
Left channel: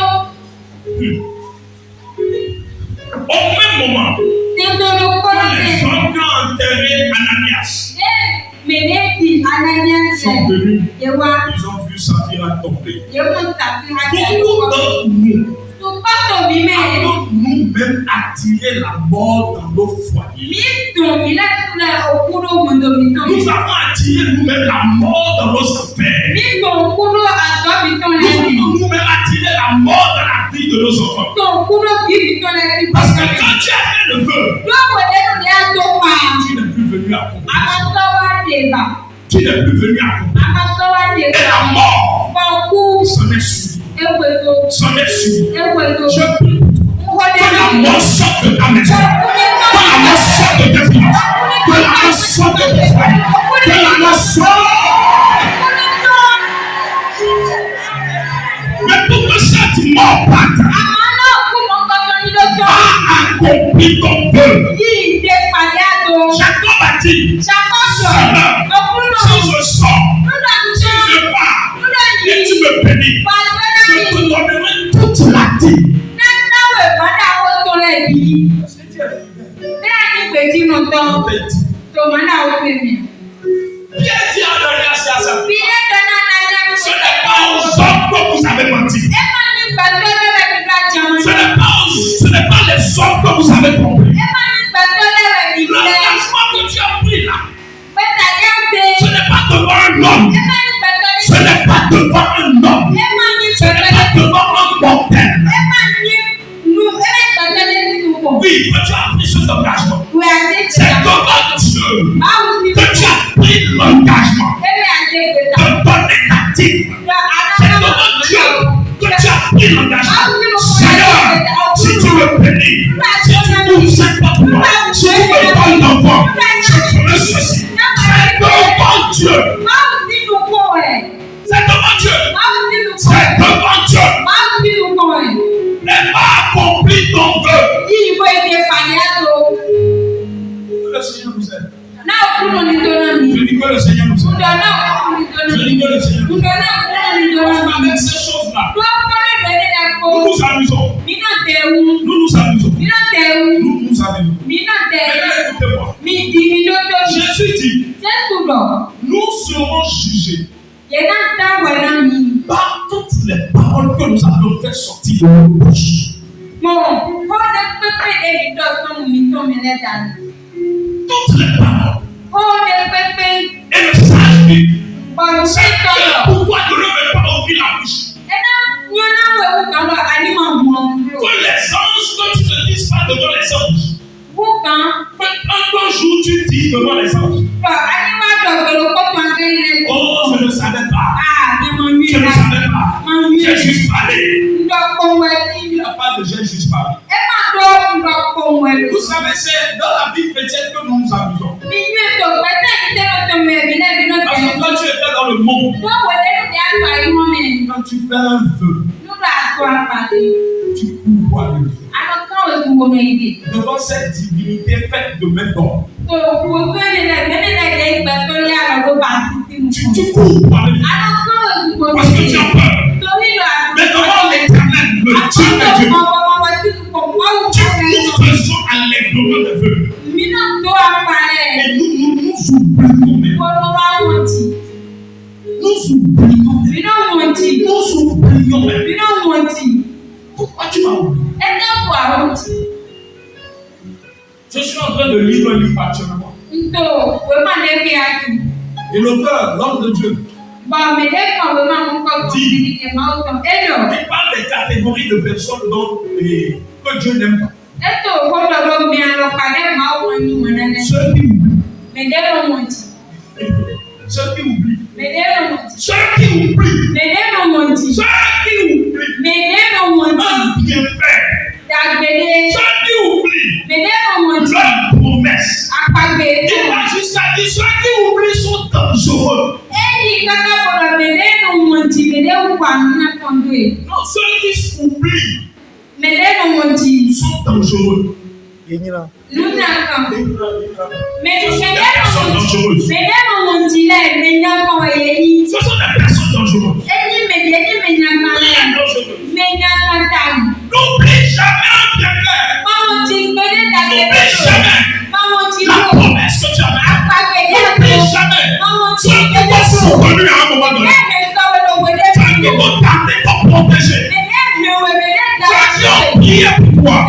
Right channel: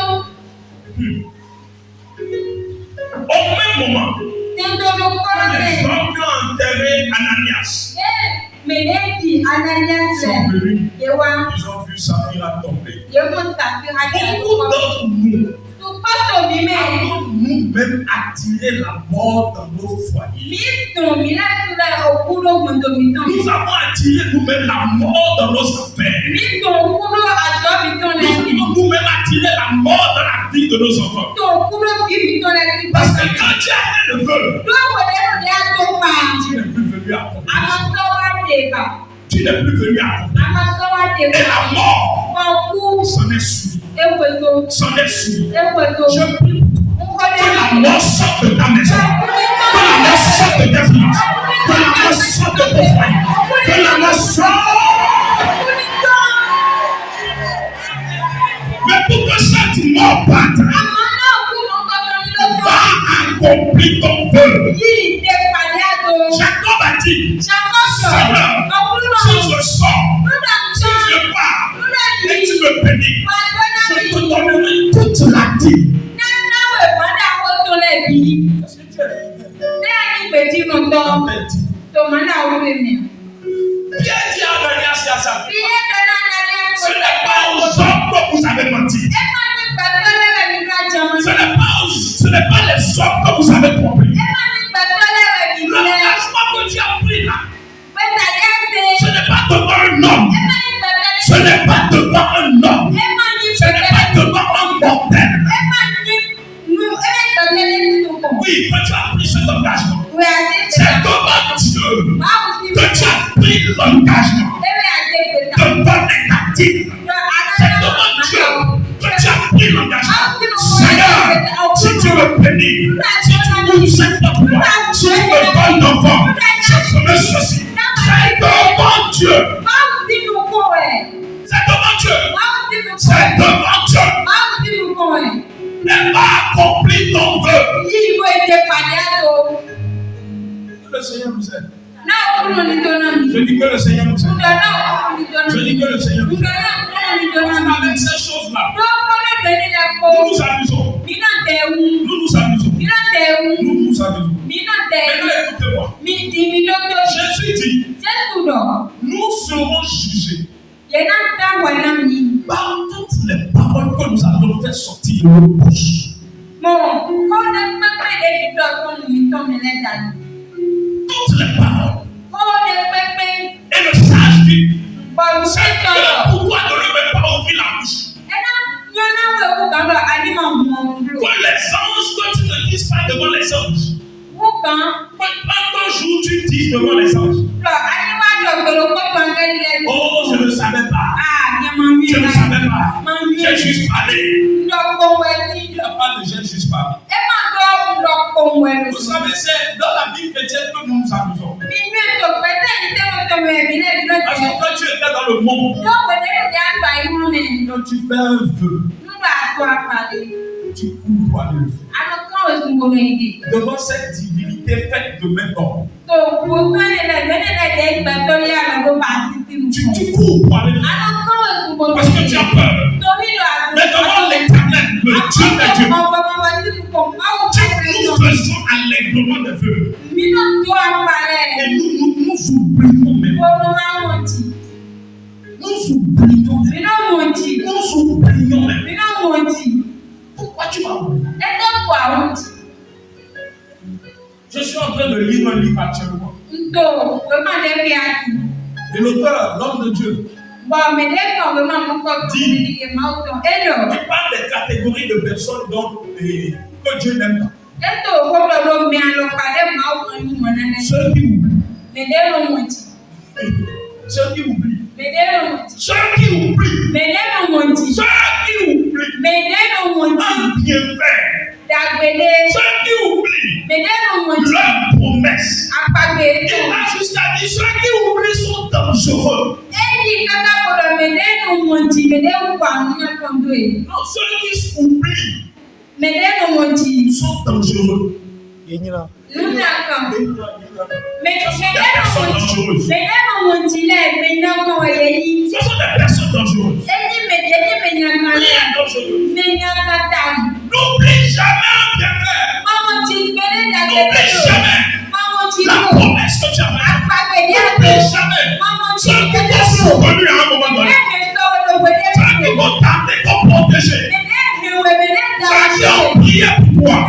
au même moment, Tẹ̀dọ̀rọ̀ kọ́rọ̀ les bẹ̀. gens qui ont enterré Ananias Mẹ̀lẹ́dì Ananias sont rẹ̀. venus, Yewa. ils ont vu Saphira tomber. Yẹ́mú ṣàfihàn àti Beaucoup àyíkọ́. d'entre nous Tupọ́tò mi mẹ́rin. avons nous-mêmes attiré la mort dans nos foyers. Mi dùn mí lẹ́sùnlẹ̀ òkúrò gbòǹdòmítàn. Nous avons attiré nous-mêmes la mort dans nos affaires. Mi dùn òkúrò àtọ́bítàn Nous lẹ́sìn. avons nous-mêmes attiré la mort dans la vie de nos enfants. Dùn òkúrò bíbítàn lẹ́sìn. Parce que quand tu as fait le vœu, Lọ́wọ́ lẹ́nu ní àtọ́ pa. tu n'es plus venu à accomplir. Àmọ́sọ́wá dèbà. Tu n'es plus venu à accomplir. Àmọ́sọ́wá Et dèbà. la mort Fọ̀kú. s'en est suivie. Ewéko. S'en est suivie. Ewéko. Je prie Nkọ́dẹ̀ que la náà. mort sorte de ta maison. Que la mort sorte de tes finances. Que la mort sorte de tes foyers. Que la mort sorte. Mais pour que cette mort parte, Àmọ́ náà kú mọ́ kọ́kọ́ ní lọ́jọ́. va accomplir ton vœu. Yìí dé pàdé àtò. Jacob a dit, Ṣàkóso. Seigneur, Ọkùnrin si náà. je sors, Lọ́dọ̀ si àtúnṣe. je pars, Lọ́dọ̀ et tu yìí. me bénis, Wà á gbọ́dọ̀ je mi. te donnerai toute la dîme. Náwó ìpàdé àwọn tó lẹ̀ bí. Bẹ́ẹ̀ ni pèjì nù tán. Tòmọ́ náà wọ́n fi mi. Pierre dit à Ananias et à Saphira, Bí ẹ tẹ́lá nájà ń ce n'est pas aux hommes que vous avez menti. Ẹ máa ní gbàtọ́ lẹ́rẹ̀ mi ká jẹun. Ce n'est pas les hommes que vous avez trompés. Ẹ máa ní gbàtọ́ lẹ́rẹ̀ mi lẹ́. L'engagement que tu as pris là, Pẹ̀tà dé ṣe. ce n'est pas devant un homme. Ẹ máa ní gbàtọ́ lẹ́rẹ̀. Ce n'est pas devant un homme. Ẹ máa ní Ce n'est pas gbàtọ́ lẹ́rẹ̀. devant un mortel. Ẹ máa ní nu. Ẹ máa ní gbàtọ́ lẹ́rẹ̀ nínú kò. Oui, que tu as pris cet engagement. Wẹ̀ àdé C'est tẹ̀lá. devant Dieu Báwo ni que tu as pris l'engagement ẹ wẹ̀ àdé tẹ̀lá? de donner ta dîme. C'est devant Dieu que tu as pris l'engagement. Seigneur, si tu me bénis, si tu ouvres cette porte, si tu me donnes l'enfant, je ferai ceci. C'est devant Dieu. Báwo sínú kò ẹ̀? C'est devant Dieu. Báwo sínú kò C'est ẹ̀? devant Dieu. Báwo sínú kò ẹ̀? Elle va accomplir ton vœu. Yí ìwé ìdè pàdé àtò. Que le Seigneur nous aide. Náà kúrò ní dọ́nà mi. Je dis que le Seigneur nous aide. Ǹjọ́ náà kúrò ní dọ́nà Je mi. dis que le Seigneur nous aide. Ǹjọ́ náà kúrò ní dọ́nà Parce mi. qu'avec ces choses-là, Lọ́kọ́lọ́ ìbẹ̀rẹ̀ la kọ́. nous nous amusons. Mi náà tẹ̀ wú. Nous nous amusons. Mi náà tẹ̀ wú. Nous nous amusons. Mi náà tẹ̀ wú. Maintenant, écoutez-moi. Mi di mi lọ́tọ́ mi. Jésus dit, Jésù lọ. nous serons Par toutes les paroles que nous avons fait sortir de nos bouches. Toutes les paroles. Et le sage dit, pourquoi ne remet pas ouvrir la bouche? Que les anges, quand tu ne dises pas devant les anges, un jour tu dis devant les anges, oh, je ne savais pas. Je ne savais pas. J'ai juste parlé. Il n'y a pas de j'ai juste parlé. Vous savez, c'est dans la vie chrétienne que nous nous amusons. Parce que quand tu étais dans le monde, quand tu fais un vœu, tu cours pour aller le faire. Devant cette divinité faite de main d'or. Tu cours pour aller le faire. Parce que tu as peur. Mais devant l'Éternel, le Dieu de Dieu, tu nous faisons allègrement des vœux. Et nous oublions même. Pourquoi tu m'as oublié? Je suis en train de lire un livre actuellement. Et l'auteur, l'homme de Dieu, il parle des catégories de personnes que Dieu n'aime pas. Ceux qui oublient. Ceux qui oublient. Ceux qui oublient. Un bienfait. Ceux qui oublient leur promesse. Il a jusqu'à dire ceux qui oublient sont dangereux. Non, ceux qui oublient sont dangereux. Ce sont des personnes dangereuses. N'oublie jamais un bienfait. N'oublie jamais la promesse que tu as faite. N'oublie jamais ceux qui t'ont soutenu à un moment donné. Ceux qui t'ont gardé, t'ont protégé. Ceux qui ont prié pour toi.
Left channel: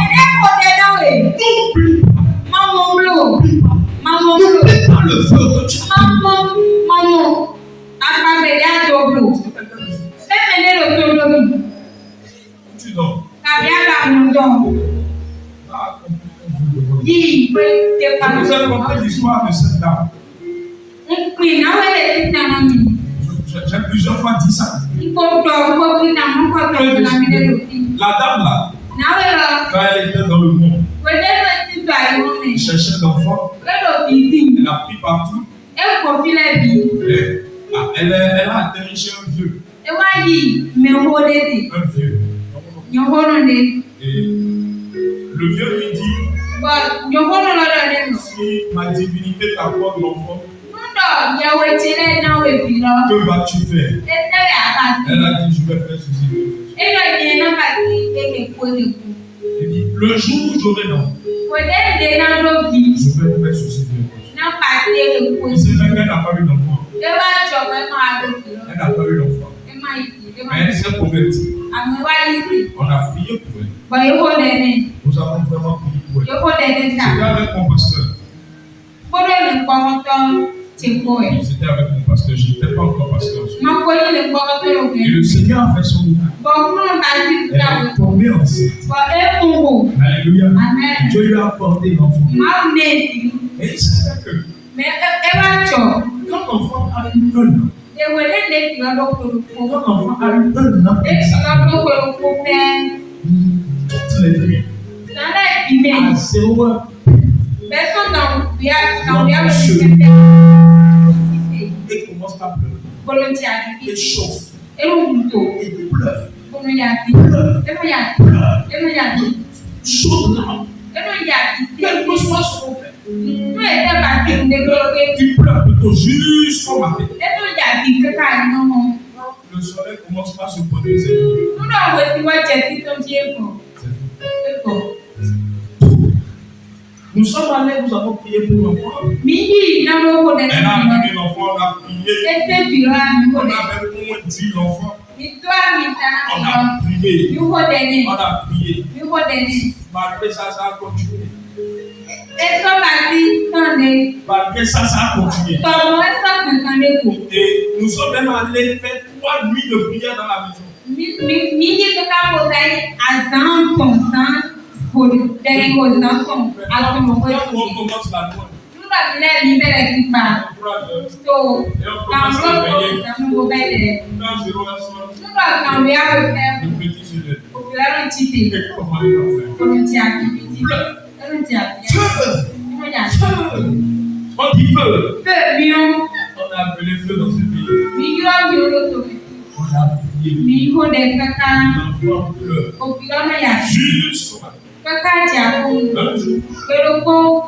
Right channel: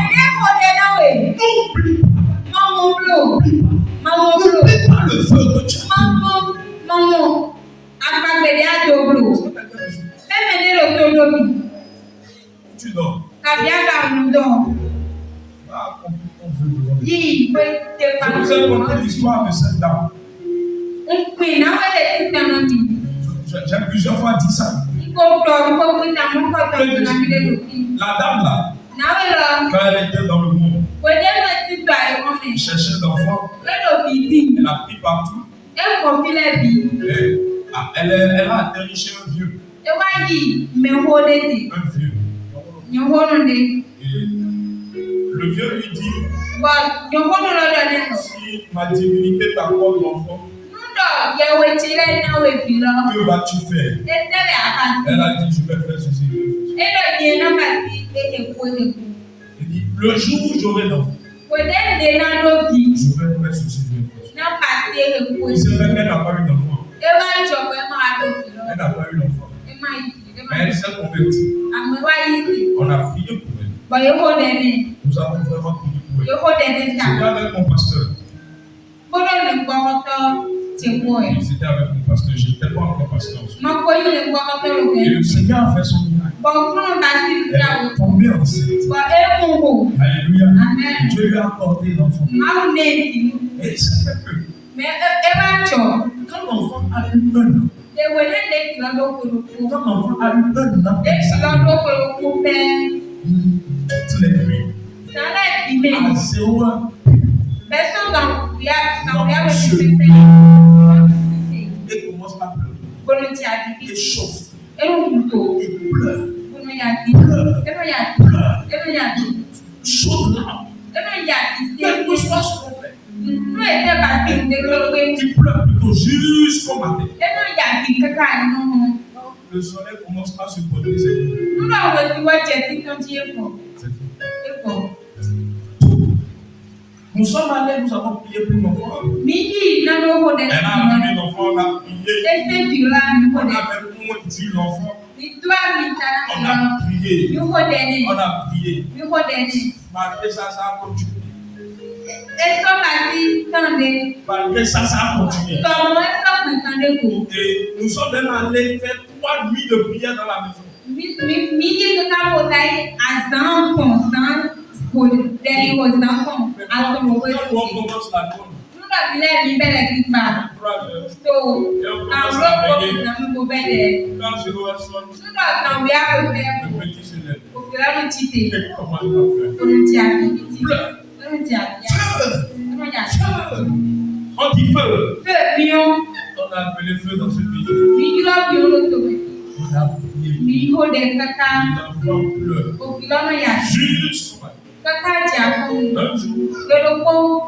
N'oublie pas le feu que tu as. Tu dors. Vous avez compris l'histoire de cette dame. J'ai plusieurs fois dit ça. La dame là, quand elle était dans le monde, elle cherchait d'enfants. Elle a pris partout. Elle a atterri chez un vieux. Un vieux. Et le vieux lui dit, si ma divinité t'apporte l'enfant, que vas-tu faire? Elle a dit, je vais faire ceci. Elle dit, le jour où j'aurai l'enfant, je vais faire ceci. Il s'est fait qu'elle n'a pas eu d'enfant. Elle n'a pas eu d'enfant. Mais elle s'est convertie. On a prié pour elle. Nous avons vraiment prié pour elle. J'étais avec mon pasteur. J'étais avec mon pasteur. Je n'étais pas encore pasteur. Et le Seigneur a fait son miracle. Elle est tombée enceinte. Alléluia. Dieu lui a apporté l'enfant. Et il s'est fait que quand l'enfant a eu un an, quand l'enfant a eu un an, toutes les nuits, à 0 heure, il commence à pleurer. Il chauffe. Il pleure. Chaud là. Quel que soit son fait. Il pleure plutôt jusqu'au matin. Le soleil commence par se poser. C'est faux. Nous sommes allés, nous avons prié pour l'enfant. Elle a amené l'enfant on a prié. Ese On violent, avait moins dit l'enfant. Toi, On a prié. you hold On a prié. you hold Malgré ça, ça a continué. Esto parti donde Malgré ça, ça a continué. como esto pensando tú. Et nous sommes même allés faire 3 nuits de prière dans la maison. Mi que campo dai azan constant por dai constant com a como foi. Quand on commence la nuit, Nunca vile mi bele kipa. 3 heures, So, campo go bele. quand je reçois Nunca cambiar o le tempo. petit se lève. O filano chite. Et comment il va faire? Kono ti activity. Kono ti activity. Feu! Kono ya. Feu! On dit feu. Feu mion. On a appelé feu dans ce pays. Mi yo mi to. On a prié. Mi ho de kaka. L'enfant pleure. O filano ya. Jusqu'au matin. Kaka ti akun. Un jour. Kedo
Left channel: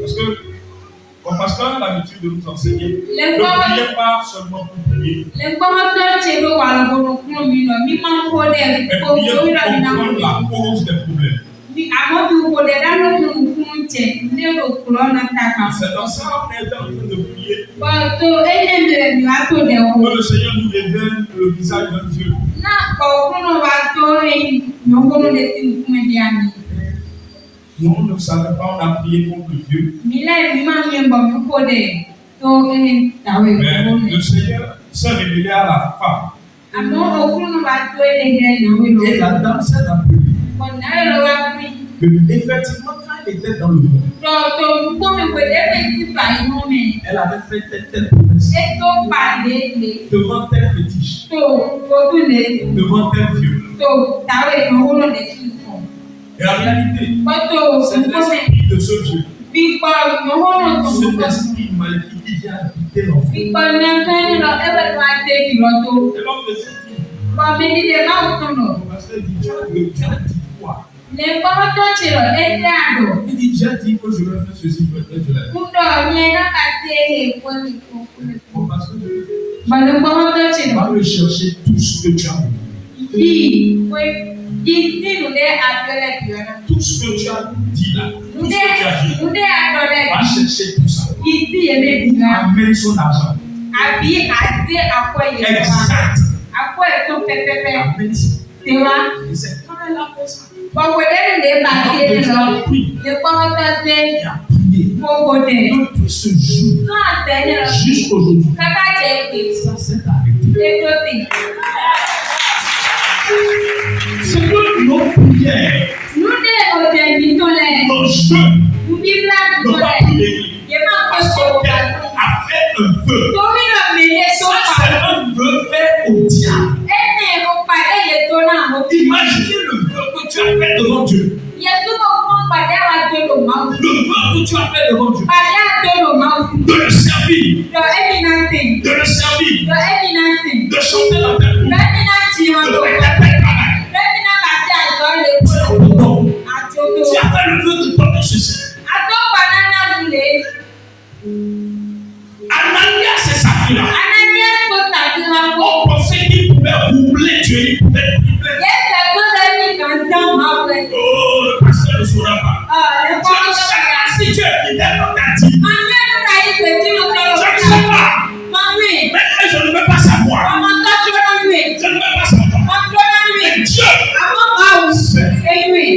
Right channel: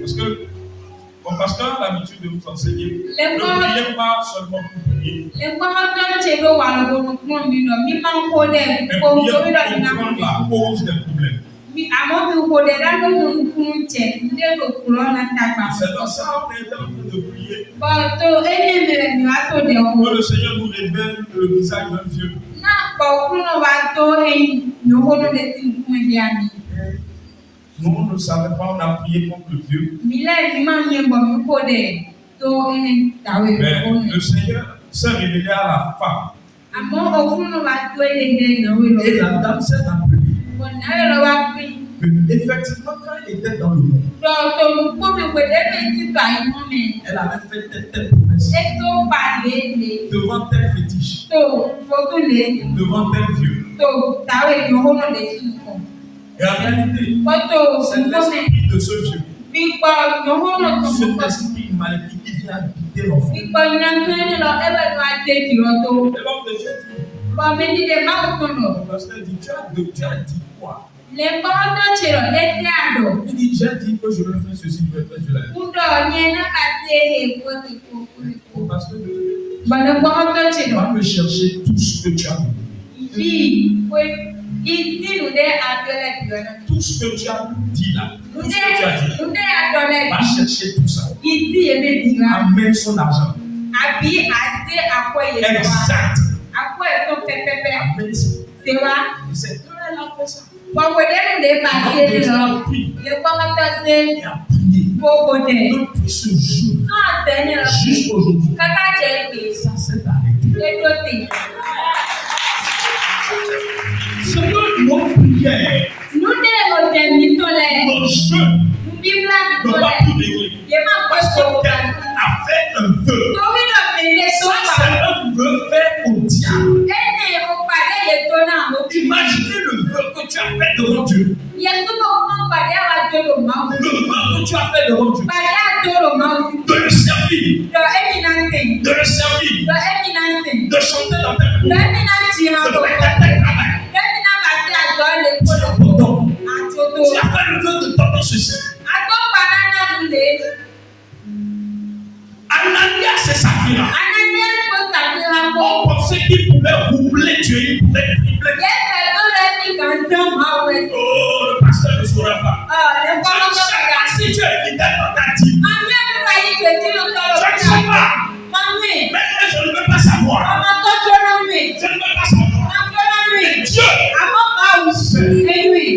Parce que mon pasteur a l'habitude de nous enseigner. Les Ne femmes- priez pas seulement pour prier. le gbọ́dọ̀ ṣe ló wà lọ́gbọ̀n fún mi lọ mi máa ń kó dẹ̀ Mais kó mi priez lórí lọ mi náà pour kó comprendre la cause des problèmes. mi àmọ́ mi kò dẹ̀ lálógún fún jẹ lérò kúrọ́ náà tàkà. C'est dans ça qu'on est en train de prier. bọ́tò ẹ̀yẹ́ mi rẹ̀ mi wá tó dẹ̀ o. Que le Seigneur nous révèle le visage d'un Dieu. náà bọ̀ fún mi wá tó ẹ̀yìn yòówó lè ti fún mi bí àmì. Nous, on ne savait pas, on a prié contre Dieu. mi lẹ́ mi máa ń yẹ bọ̀ mi kó dẹ̀ tó ẹ̀yìn tàwé Mais ìfowó mi. le Seigneur s'est révélé à la femme. àmọ́ òfin mi wá tó ẹ̀yìn dẹ̀ yòówó lọ. Et la dame s'est appelée. ọ̀nà ẹ̀ lọ wá fún mi. Mais effectivement, quand elle était dans le monde, tọ̀tọ̀ gbọ́mi pèlè mi ti tọ̀ àyìnbó mi. elle avait fait telle promesse ètò pàdé lè. devant tel fétiche, tó fojú lè devant tel Dieu. tó tàwé ìnáwó náà lè sí ìfọ̀. Et en réalité, Bọ́tò c'est òṣùpọ̀ l'esprit de ce Dieu, gbígbọ́ ìnáwó náà tó ń cet bọ̀. esprit maléfique qui vient habiter l'enfant. Gbígbọ́ ní akẹ́yìn lọ ẹ̀wẹ̀ ló á dé ìrọ̀ tó. Et l'homme de Dieu dit, Bọ̀ mi dídé máa ń tún lọ. le pasteur dit, tu as dit quoi? Lè gbọ́ tó ṣe lọ lẹ́sẹ̀ àdọ̀. Il dit, j'ai dit que je vais faire ceci, je vais faire cela. Kúndọ̀ yẹn náà bá ṣe é kó ní kókó. Parce que Bọ̀dọ̀ gbọ́ tó ṣe tu lọ. vas me chercher tout ce que tu as dit. Bí pé ìdínú dé àdọ́lẹ̀ ìrọ̀ náà. Tout ce que tu as dit là, tout ce que tu as dit, Ndé àdọ́lẹ̀ va chercher tout ça. ìdí èmi bì wá. Amène son argent. Àbí àti àpò yẹn wá. Exact. Àpò ẹ̀ tó pẹ́pẹ́pẹ́. Amène ça. Ṣé wá? Et c'est quand elle a fait ça, Bọ̀wé lẹ́nu lè bá ṣe lè lọ. Lè gbọ́dọ̀ ṣe elle a prié. gbogbo dẹ̀. Depuis ce jour Náà tẹ̀lé lọ. jusqu'aujourd'hui, Kẹ́kẹ́ jẹ́ èdè. ça s'est arrêté. Ètò tì. C'est que nos prières, Núdé òjè mi tó lẹ̀. nos jeûnes, Bíbélà mi n'ont tó pas lẹ̀. pu régler. Yé máa pẹ́ Parce gbogbo qu'elle wa. a fait un vœu. Torí lọ mèlè tó Ça, wà. c'est un vœu fait au diable. Ẹnì mo pàdé yètò náà mo. Imaginez le vœu que tu as fait devant Dieu. Yètò mo fún pàdé àwọn àjọlò máa ń. Le vœu que tu as fait devant Dieu. Pàdé àjọlò máa ń. De le servir, Lọ ẹ̀mí náà sìn. de le servir, Lọ ẹ̀mí náà sìn. de chanter dans tes Lọ cours, ẹ̀mí náà tì hàn de gbogbo. faire tel travail. Lẹ́mí náà bá ti àjọ lè kó lọ. Non. Àjọlò. Tu as fait le vœu de donner ceci. Àjọpá náà lè. Ananias et Saphira, Ananias kò ṣàfihàn kó. on pensait qu'il pouvait roubler Dieu, il pouvait tripler. Yẹ́sẹ̀ tó lẹ́mí kan jẹ́ máa wẹ̀. Oh, le pasteur ne saura pas. Lè Je kọ́ ne ọ́ sais sọ̀rọ̀. pas si Dieu est fidèle dans ta vie. Màmí ẹ̀dúrà yìí pé kí ló tọrọ Je ne fún sais wa. pas. Màmí, Mais je ne veux pas savoir. ọmọ tó jóná mi. Je ne veux pas savoir. Wọ́n jóná mi. Mais Dieu, Àmọ́ báwo? Eyín.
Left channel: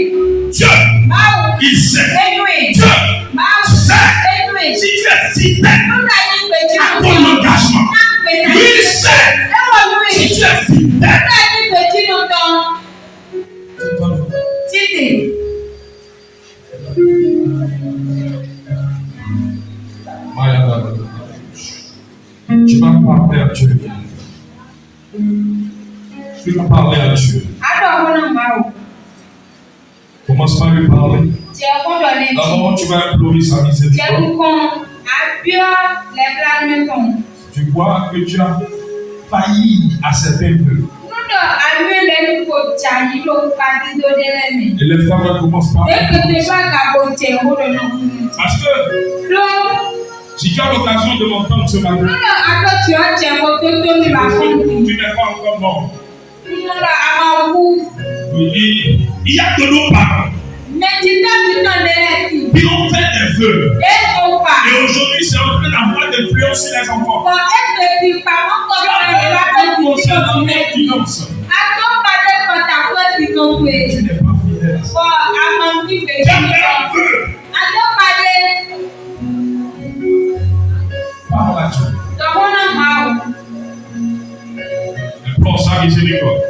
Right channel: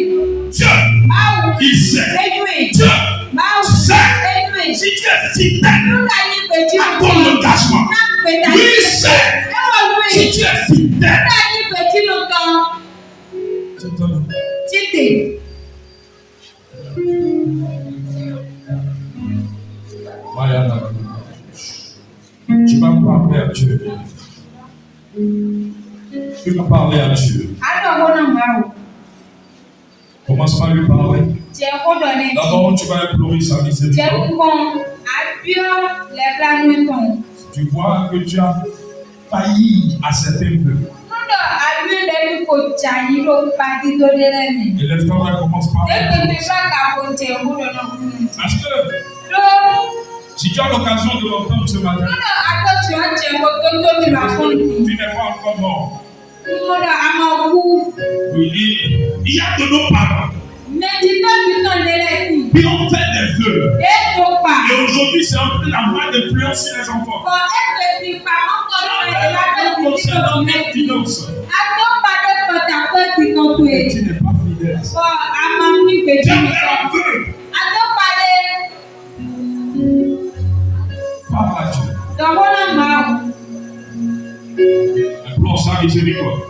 Dieu, Báwo? il sait. Eyín. Dieu, Báwo? sait. Eyín. Si tu es fidèle Ẹ̀dúrà yìí pé kí à ló ton tọrọ. engagement, Náà pé dàgbé. lui sait. Ẹ̀wọ̀n mi. Si tu es fidèle, Ẹ̀dúrà yìí pé kí ló tọrọ. c'est ton nom. Títì. Tu vas parler à Dieu. Tu vas parler à Dieu. Àdó ọ̀hún náà máa wò. Commence par lui parler. Tí ẹ kó dọ̀ lẹ́yìn. D'abord, tu vas implorer sa Tí ẹ miséricorde. kú kan, àbíọ́ lẹ́bílánú kan. Tu vois que tu as failli à certains vœux. Múdọ̀ àbíọ́ lẹ́nu kò jà yìí ló pàdé tó dé lẹ́nu. Élève-toi, mais commence par Dès que tu vas capoter, on va donner. Parce que Donc, si tu as l'occasion de m'entendre ce matin, nous, à toi, tu as tiens, mon toto, tu vas parce prendre. que tu n'es pas encore mort. Nous, à mon cou. Oui, il y a de nos parents Mais tu t'as tout en délai. qui ont fait des vœux Et donc, Et aujourd'hui, c'est en train d'avoir des influences sur les enfants. Concernant les finances. Et tu n'es pas fidèle à ça. Tu as fait un peu. Parle à Dieu. Implore sa miséricorde.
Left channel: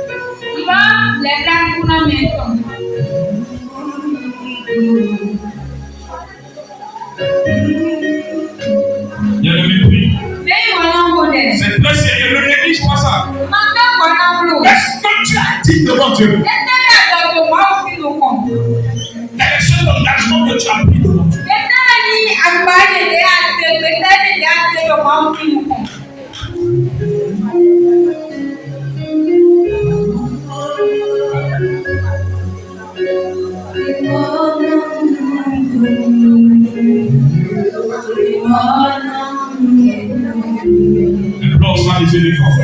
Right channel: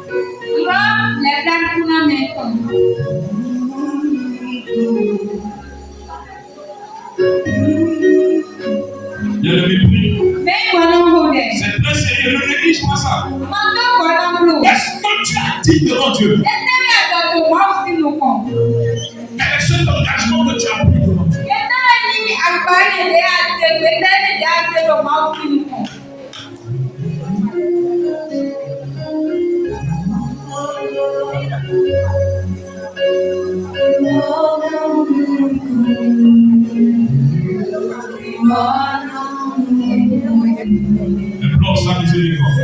Il y a le mépris. C'est très sérieux. Ne néglige pas ça. Qu'est-ce que tu as dit devant Dieu? Quel est cet engagement que tu as pris devant Dieu? Implore sa miséricorde.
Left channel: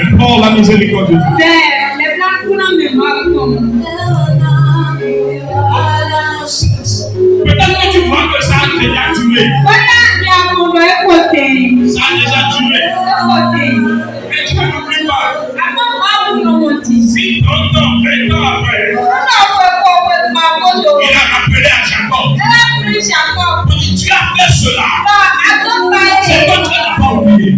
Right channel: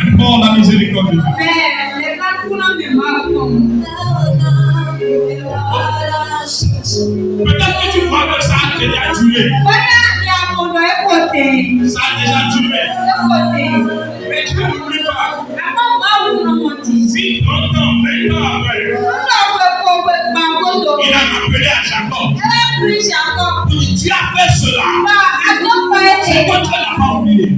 Implore la miséricorde de Dieu. Peut-être que tu crois que ça a déjà duré. Ça a déjà duré. Mais tu n'oublies pas. Si 30 ans, 20 ans après, il a rappelé à Jacob. Il dit, tu as fait cela. C'est que tu n'as pas oublié.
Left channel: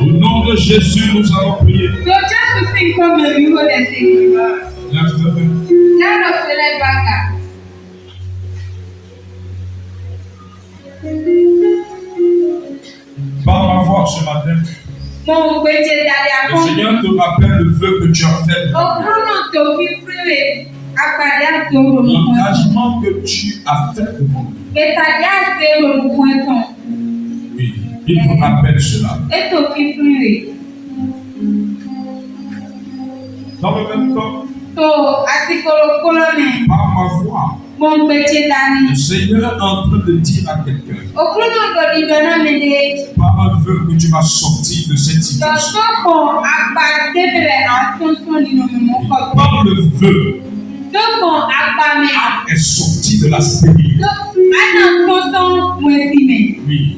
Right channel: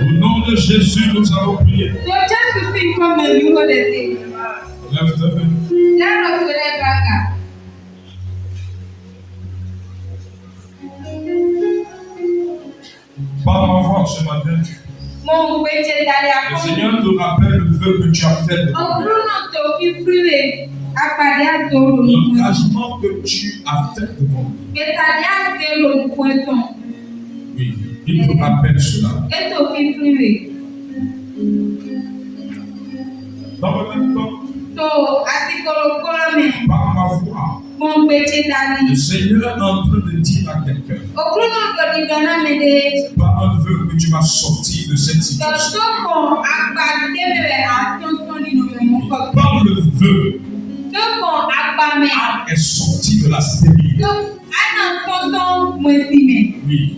Au nom de Jésus, nous allons prier. Lève ta main. Par ma voix ce matin, le Seigneur te rappelle le vœu que tu as fait. L'engagement que tu as fait devant lui. Oui, il te rappelle cela. Dans le même temps, par ma voix, le Seigneur est en train de dire à quelqu'un, par un vœu que tu vas sortir de cette situation. Par le vœu, est sorti de la stérilité. Oui.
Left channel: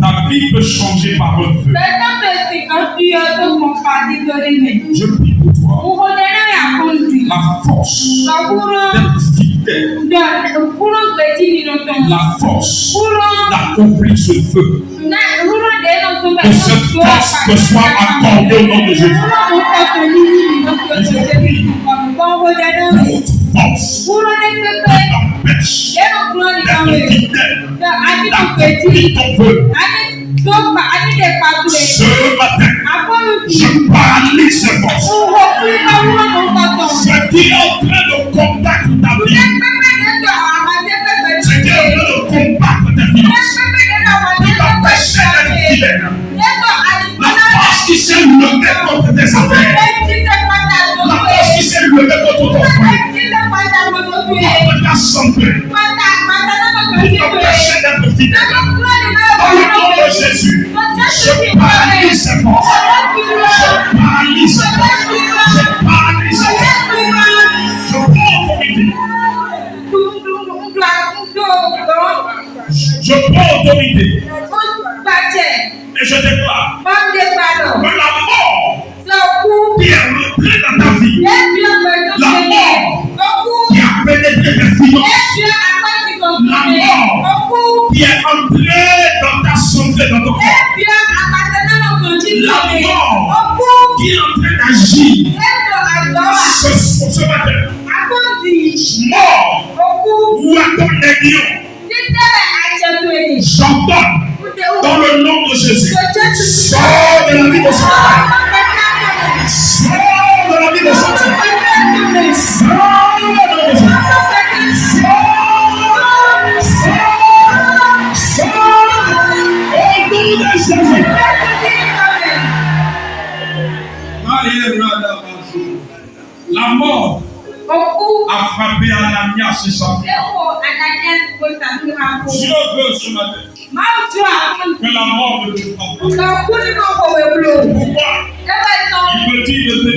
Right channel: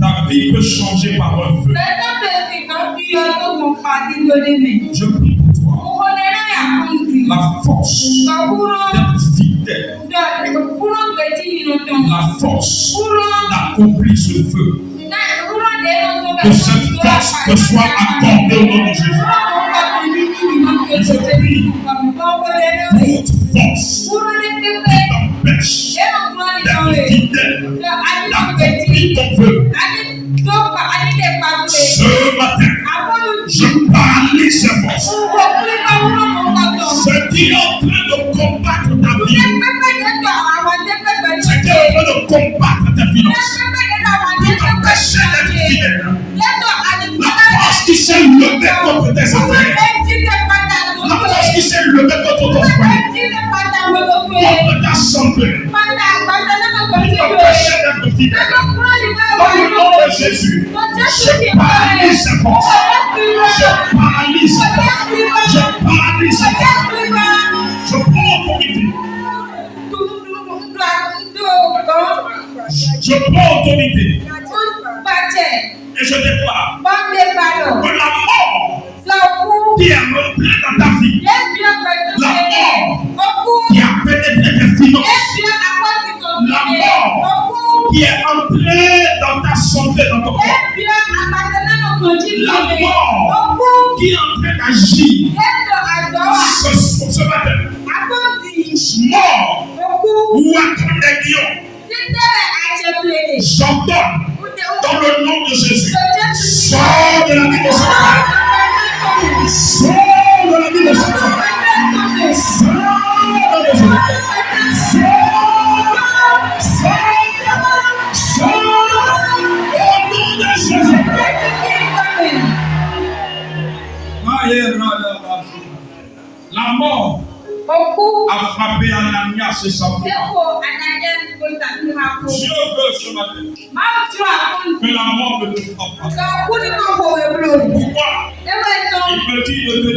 Ta vie peut changer par un vœu. Je prie pour toi la force d'être fidèle, la force d'accomplir ce vœu. Que cette force te soit accordée au nom de Jésus. Et je prie toute force qui t'empêche d'être fidèle, d'accomplir ton vœu. Ce matin, je paralyse ces forces. Ce qui est en train de combattre ta vie, ce qui est en train de combattre tes finances, pour t'empêcher d'être fidèle. La force qui s'est levée contre tes affaires, la force qui s'est levée contre ton frère, contre ta santé, pour t'empêcher d'être fidèle. Dans le nom de Jésus, je paralyse ces forces. Je paralyse ces forces. Je paralyse ces forces. Je prends autorité. Je prends autorité. Et je déclare guédillons, j'entends dans le nom de Jésus, sors de la vie de Satan. Sors de la vie de Satan. Sors de la vie de Satan. La mort a frappé Ananias et sa femme. Dieu veut ce matin que la mort ne te frappe pas. Pourquoi? Il me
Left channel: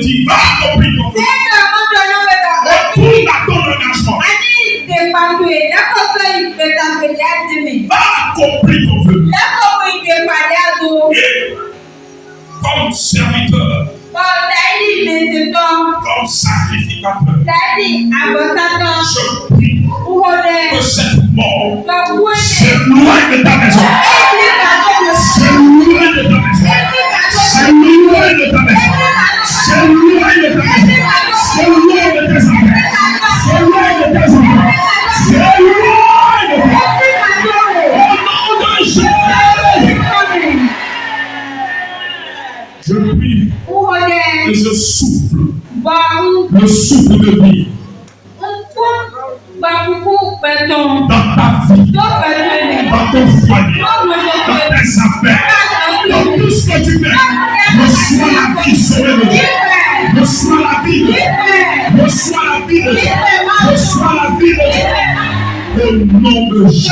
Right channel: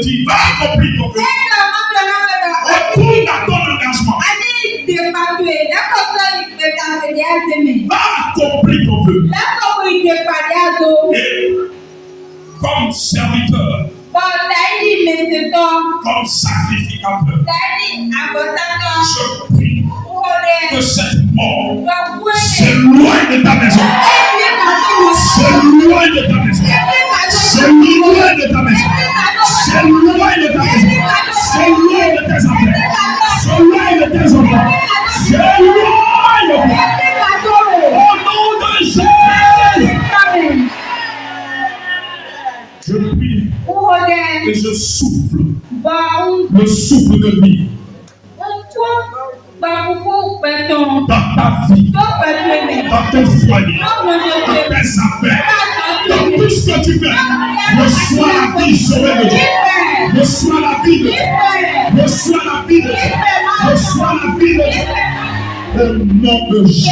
dit, va accomplir ton vœu. Retourne à ton engagement. Va accomplir ton vœu. Et comme serviteur, comme sacrificateur, je prie que cette mort s'éloigne de ta maison. S'éloigne de ta maison. S'éloigne de ta maison. S'éloigne de ta maison. S'éloigne de tes enfants. S'éloigne de tes enfants. S'éloigne de tes enfants. Au nom de Jésus. Je prie et je souffle le souffle de vie dans ta vie, dans ton foyer, dans tes affaires, dans tout ce que tu fais. Reçois la vie sauvée de Dieu. Reçois la vie de Dieu. Reçois la vie de Dieu. Reçois la vie de Dieu. Au nom de Jésus.